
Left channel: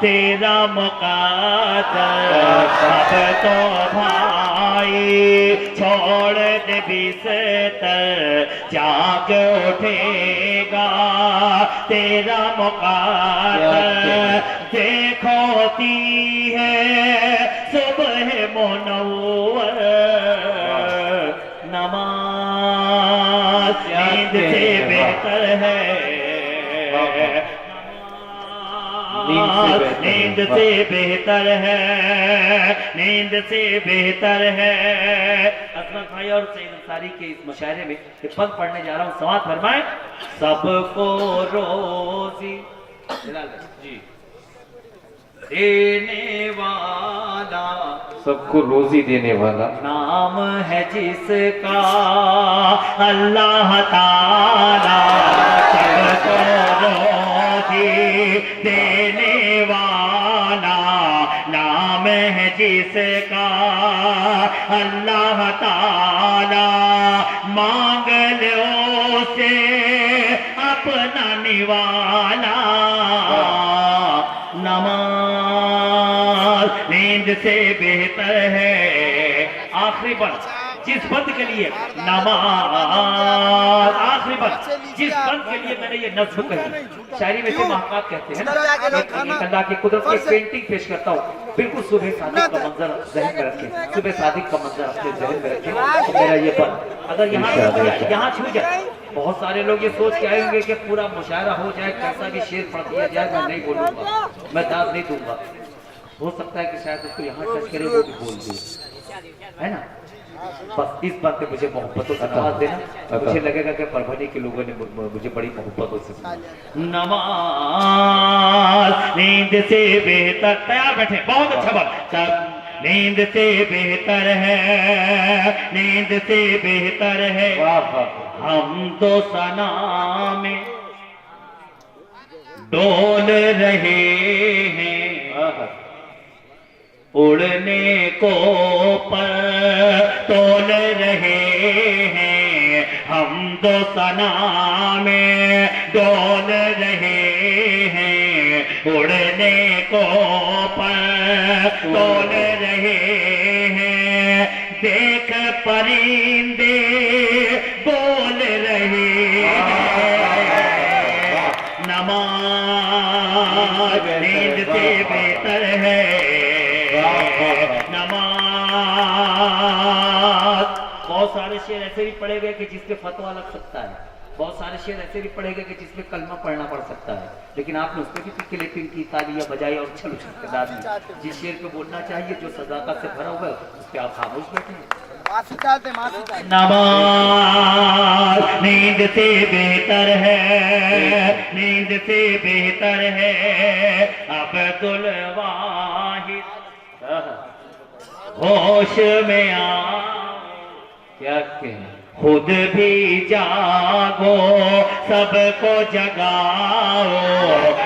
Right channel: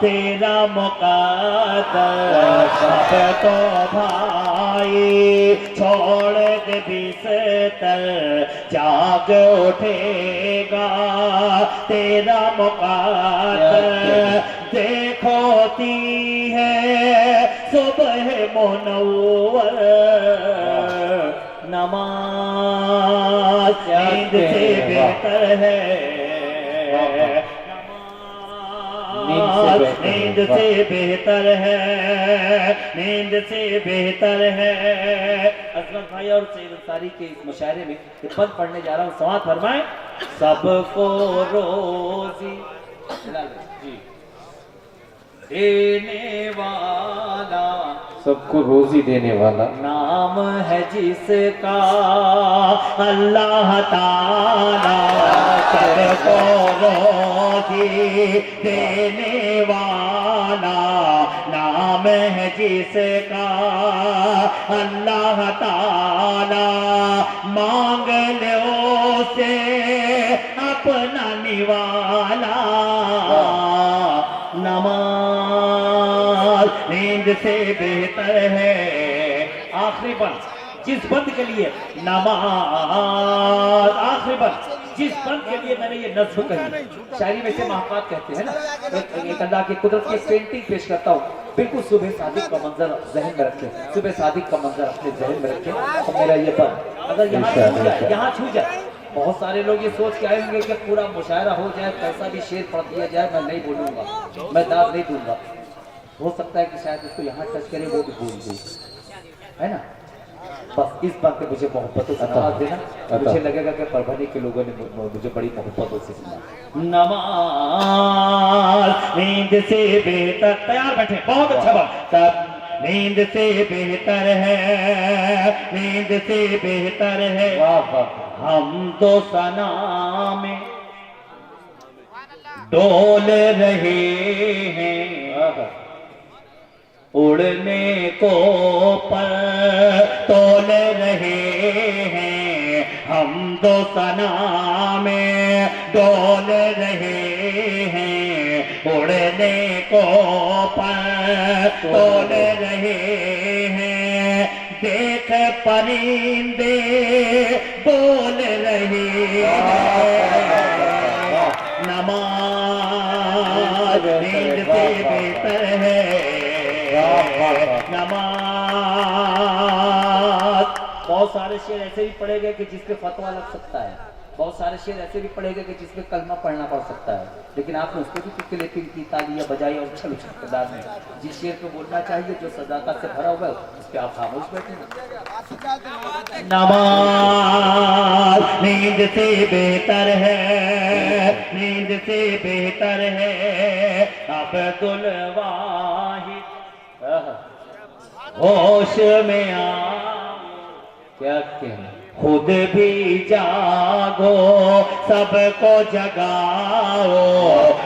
तेरा मुक़द्दर। अब तो भाई छोड़ दे बिस्तर। जाग उठेगा तेरा मुक़द्दर। देखो ती है सुबह मुनव्वर। नमाज नींद से बेहतर है। नींद से बेहतर है। नींद से बेहतर है। अजमत भाई और सईद अंसारी के इस मुशायरे में ये पद पढ़ने जा रहा हूँ। समाअत फरमाएं। सबको रोजी जी देने वाला, सबको रोजी देने वाला नाम है जिसका अल्लाह ताला। सबको रोजी देने वाला, नाम है जिसका अल्लाह ताला। मांग लो से अपना निवाला। नमाज नींद से बेहतर है। आखिरी बंद जिस बंद के लिए नमाज, आखिरी बंद जिस बंद के लिए मैंने ये नज़्म कही, शायरी में से महाकाव्य कहते हैं ना, एक अल्लाह की कुदरत की एक पेंटिंग पेश करता हूँ। बिल्कुल सुबह सादिक का मंजर जहन में रखें, सुबह सादिक का मंजर अपने जहन में रखें, तो मेरा ये पद अगर यहाँ छू जाए, बहुत सारे लोग ये सोच के आएंगे कि पूरा मुशायरा हो जाए, कैसा भी शेर पढ़ दिया जाए, मैं नहीं बोलूंगा, मैं दाद नहीं दूंगा। हो सकता है कि शायद उसको यहाँ टच करे, वो भी बोल दे, है ना। बस इस बात पे मुझे मोहब्बतों से नवाज देना, मुझे लगेगा कि परभनी के लोगों ने मुझे बड़ी मोहब्बतों से नमाज नींद से बेहतर। तैयार बैठे, बहुत अच्छा बात। तब नींद से बेहतर है, नींद से बेहतर है, हम तो सना में डोल रहे हैं, उड़ने को पर तोल रहे हैं, हम तो सना में डोल रहे हैं, उड़ने को पर तोल रहे हैं, देख परिंदे बोल रहे हैं, नमाज नींद से बेहतर है, नमाज। बहुत सारे शेर ऐसे भी पढ़े गए कि जिसपे फतवा लग सकता है, बहुत सारे शेर ऐसे भी पढ़े गए कि जिसपे कलमा पढ़ना पड़ सकता है, लेकिन आपने उसको भी क्लिपिंग की, तालियां बजाई और छल उछलदार में जिस शेर पे बोलना चाहिए, जो सदाकत से भरा हुआ है, उस पे आप खामोश बैठे। नमाज नींद से बेहतर है, नींद से बेहतर है, अब्दुल वाहिद होश में आओ, क्या कहें, खुद भी जागो सबको जगाओ,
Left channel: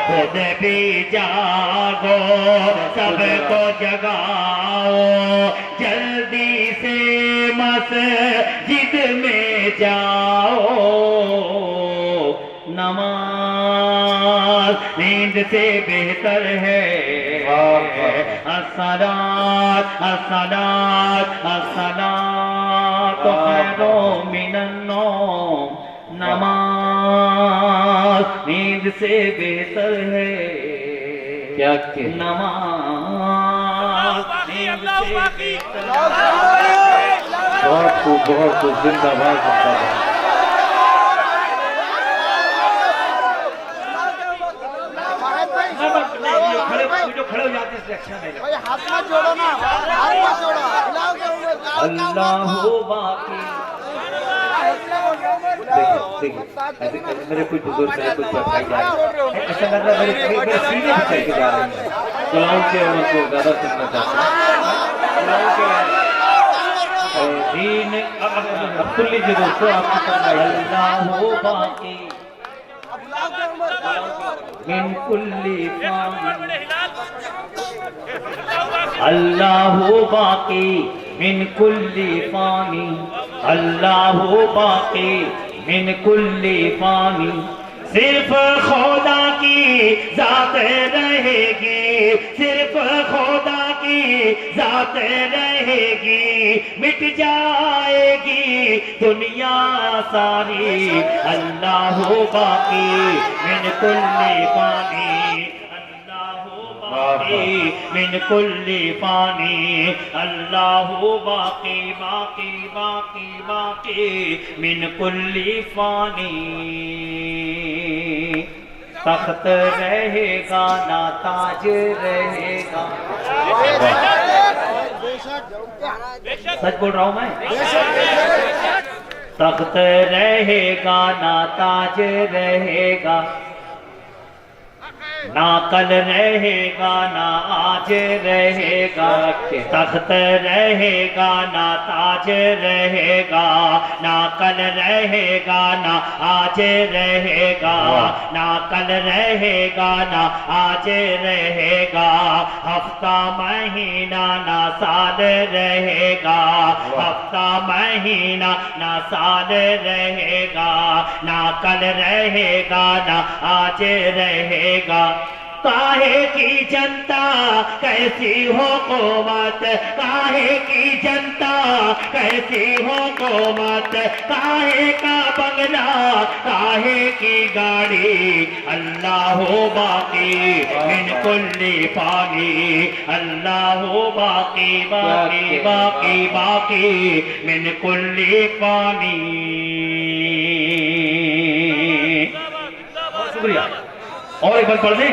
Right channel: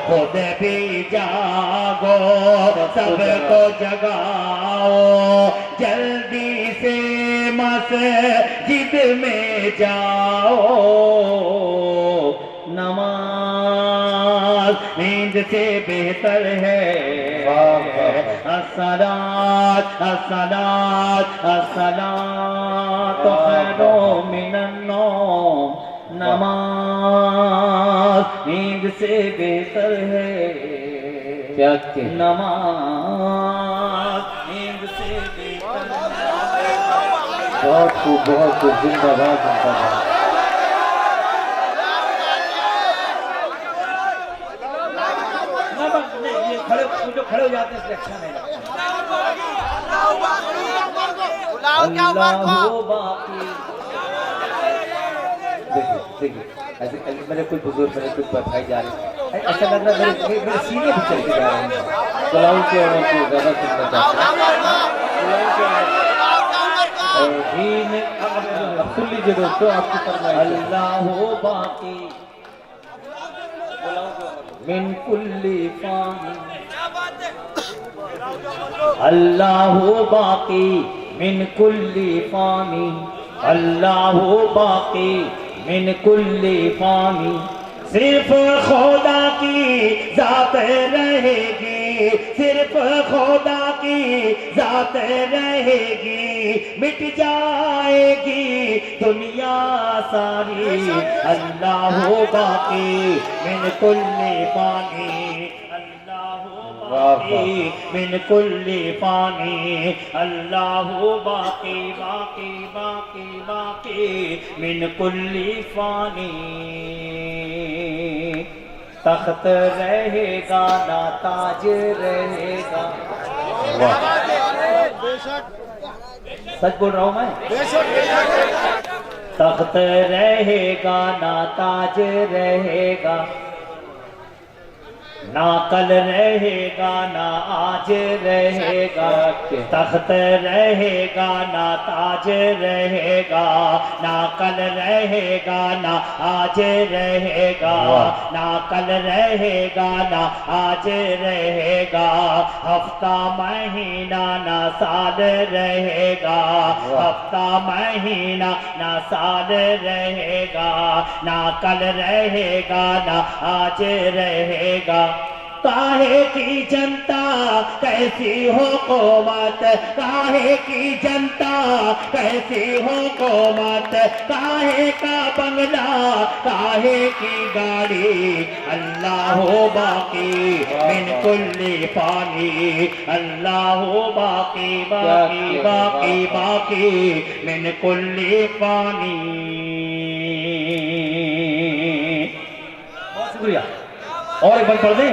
खुद भी जागो सबको जगाओ, जल्दी से मस्जिद में जाओ, नमाज नींद से बेहतर है, अस्सलात अस्सलात अस्सलात खैरो मिनन नौम, नमाज नींद से बेहतर है, क्या के नमाज नींद से बेहतर है। बहुत खूब, बहुत खूब, जिंदाबाद जिंदाबाद। खड़े हो जाते हैं, अच्छा नहीं लगता। अल्लाह बाकी ऐसे मेरे कुछ बुजुर्ग मेरे कुछ बताई जा रही है, ऐसा लग रहा है मेरे सीने भी चल के जा रहे हैं। सलाम के उनको ज्यादा सुनना चाहता हूं। दीन अब सुन लीजिए दोस्तों, आपकी अल्लाह बाकी मिन कुल्ली फानी, अल्लाह बाकी मिन कुल्ली फानी, अल्लाह बाकी मिन कुल्ली फानी, सिर्फ खुदा की जात रहेगी, सिर्फ खुदा की जात रहेगी, मिट जाएगी दुनिया सारी, अल्लाह बाकी मिन कुल्ली फानी, मिन कुल्ली फानी, अल्लाह बाकी बाकी बाकी बाकी मिन कुल्ली फानी, तख्त रहेगा ना ताज रहेगा। सच बोल रहा हूं मैं, तख्त रहेगा ना ताज रहेगा, ना कल रहेगा ना आज रहेगा, तख्त रहेगा ना ताज रहेगा, ना कल रहेगा ना आज रहेगा, ना कल रहेगा ना आज रहेगा, हफ्ता महीना ना साल रहेगा, हफ्ता महीना ना साल रहेगा, ना कल रहेगा ना आज रहेगा, काहे की जनता कैसी हो कोमत, काहे की जनता कैसी हो कोमत, काहे का बंगला काहे की गाड़ी, अल्लाह हो बाकी मिन कुल्ली पानी, अल्लाह हो बाकी बाकी बाकी बाकी मिन कुल्ली पानी। बहुत शुक्रिया। और एक बार पढ़ दें,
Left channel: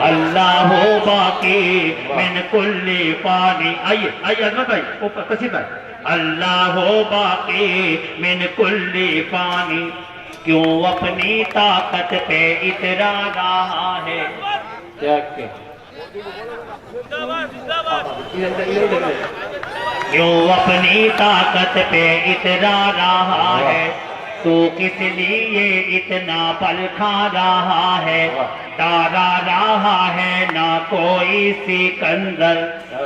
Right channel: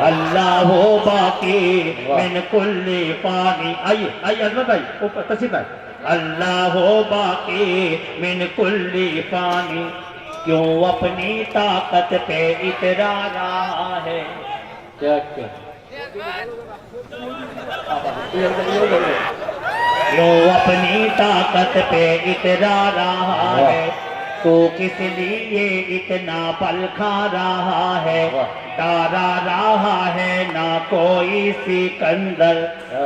अल्लाह हो बाकी मिन कुल्ली पानी। आइए आइए अजमत भाई, ऊपर तशीफ भाई। अल्लाह हो बाकी मिन कुल्ली पानी, क्यों अपनी ताकत पे इतरा रहा है। क्या क्यों अपनी ताकत पे इतरा रहा है, तो किस लिए इतना पल खा रहा है। तारा रहा है ना कोई सिकंदर,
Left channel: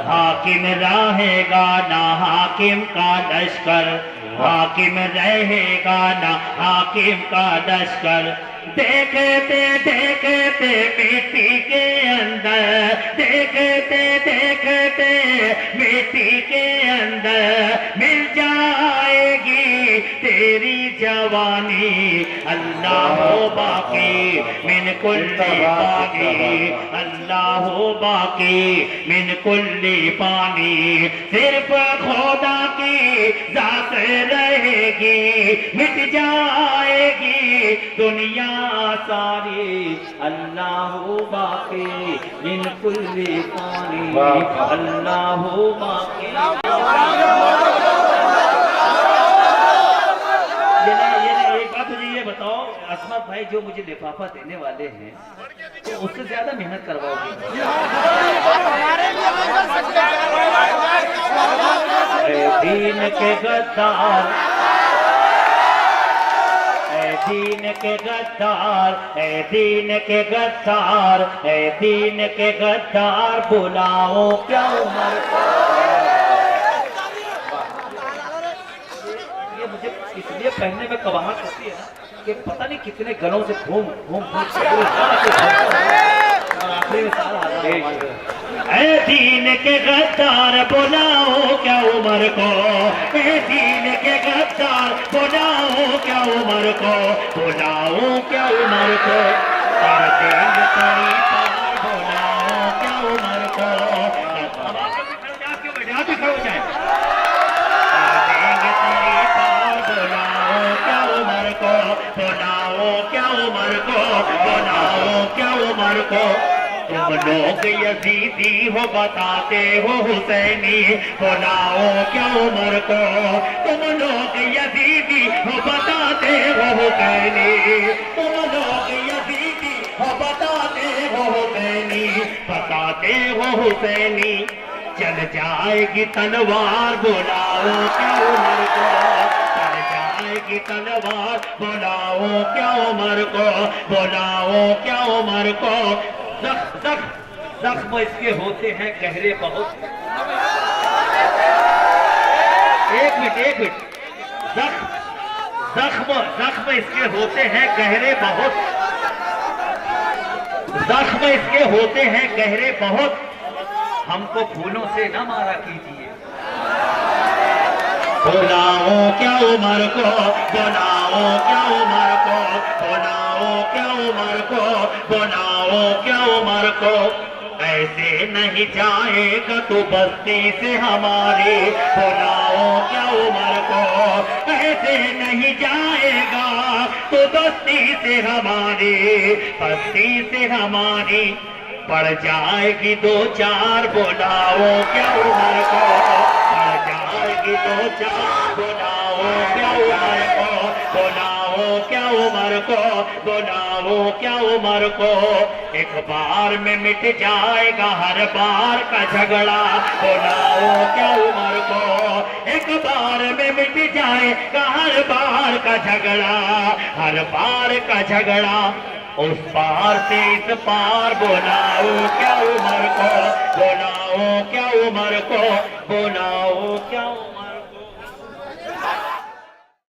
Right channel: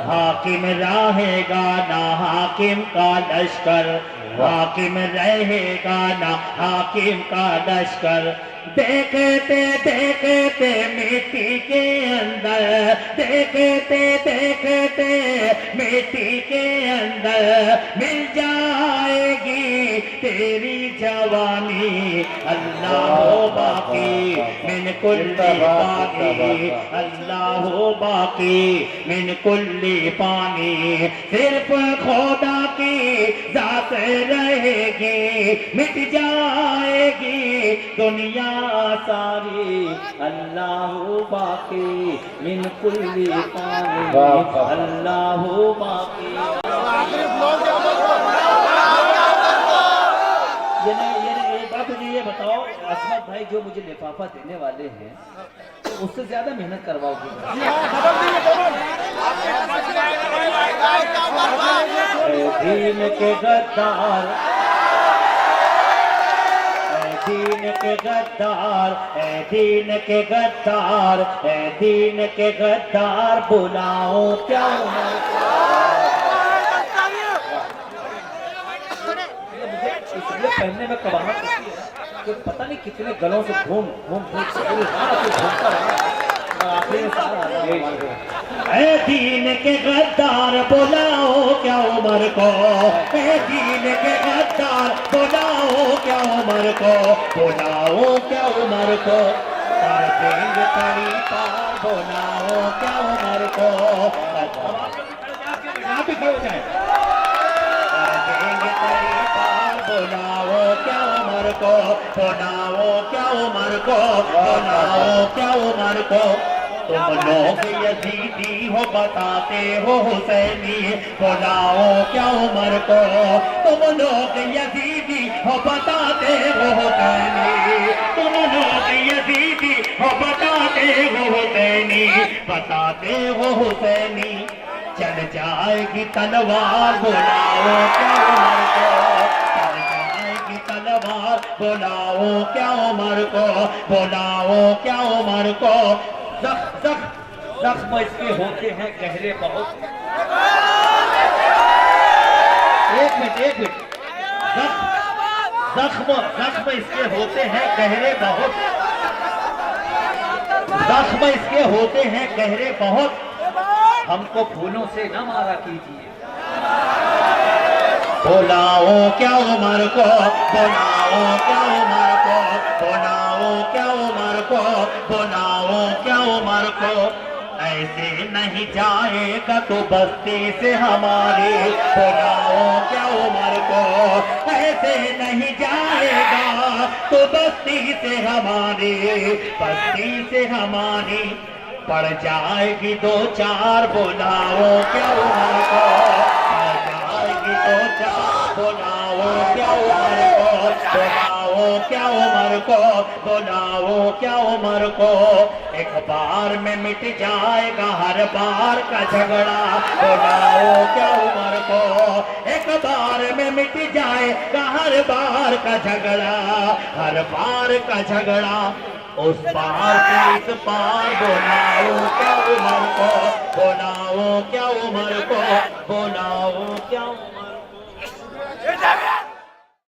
हाकिम रहेगा ना हाकिम का लश्कर, हाकिम रहेगा ना हाकिम का लश्कर। देखते देखते मिट्टी के अंदर, देखते देखते मिट्टी के अंदर मिल जाएगी तेरी जवानी, अल्लाह हो बाकी मिन कुल्ली पानी, अल्लाह हो बाकी मिन कुल्ली पानी। सिर्फ खुदा की जात रहेगी, मिट जाएगी दुनिया सारी, अल्लाह हो बाकी मिन कुल्ली पानी, अल्लाह हो बाकी। ये एक बात मुझे ये बताओ, असमत भाई जो मुझे लिफाफा देने वाले हैं तो उससे ज्यादा मेहनत करवाओगे? दीन के गद्दार, दीन के गद्दार, दीन के गद्दार, दीन के गद्दार, बुलाओ क्या उम्र को। ये मुझे इसलिए पहनने में कबाहट होती है कि पता नहीं कितने गलों से घूम घूम दीन के गद्दार, बुलाओ क्या उम्र को, दीन के गद्दार, बुलाओ क्या उम्र को, बुलाओ क्या उम्र को। कर देंगे तेरी पार, बुलाओ क्या उम्र को। कर देंगे तेरी पार, बुलाओ क्या उम्र को, बुलाओ क्या उम्र को, बुलाओ क्या उम्र को। तुम लोग यजीदी हो बताते हो हुसैनी, बुलाओ क्या उम्र को। तुम लोग यजीदी हो बताते हो हुसैनी, तुम लोग यजीदी हो बताते हो हुसैनी, बताते हो हुसैनी। चल जाएगी तलवार, बुलाओ क्या उम्र को, चल जाएगी तलवार, बुलाओ क्या उम्र को, बुलाओ क्या उम्र को। जख्म इसके होते हैं गहरे बहुत। एक मिनट, जख्म इसके होते हैं गहरे बहुत, जख्म इसके होते हैं गहरे बहुत। हमको फूलों से न मारा कीजिए। बुलाओ क्या उम्र को, बुलाओ क्या उम्र को, बुलाओ क्या उम्र को, बुलाओ क्या उम्र को। ऐसे नहीं जाएगा तो बस्ती से हमारे, बुलाओ क्या उम्र को। ऐसे नहीं जाएगा तो बस्ती से हमारे, बस्ती से हमारी पड़ जाएगी दो चार, बुलाओ क्या उम्र को। पड़ जाएगी दो चार, बुलाओ क्या उम्र को, बुलाओ क्या उम्र को, बुलाओ क्या उम्र को। एक बार में मिट जाएगा हर बार का झगड़ा, बुलाओ क्या उम्र को। एक बार में मिट जाएगा हर बार का झगड़ा, हर बार का झगड़ा। उस पार से इस पार, बुलाओ क्या उम्र को, बुलाओ क्या उम्र को, बुलाओ क्या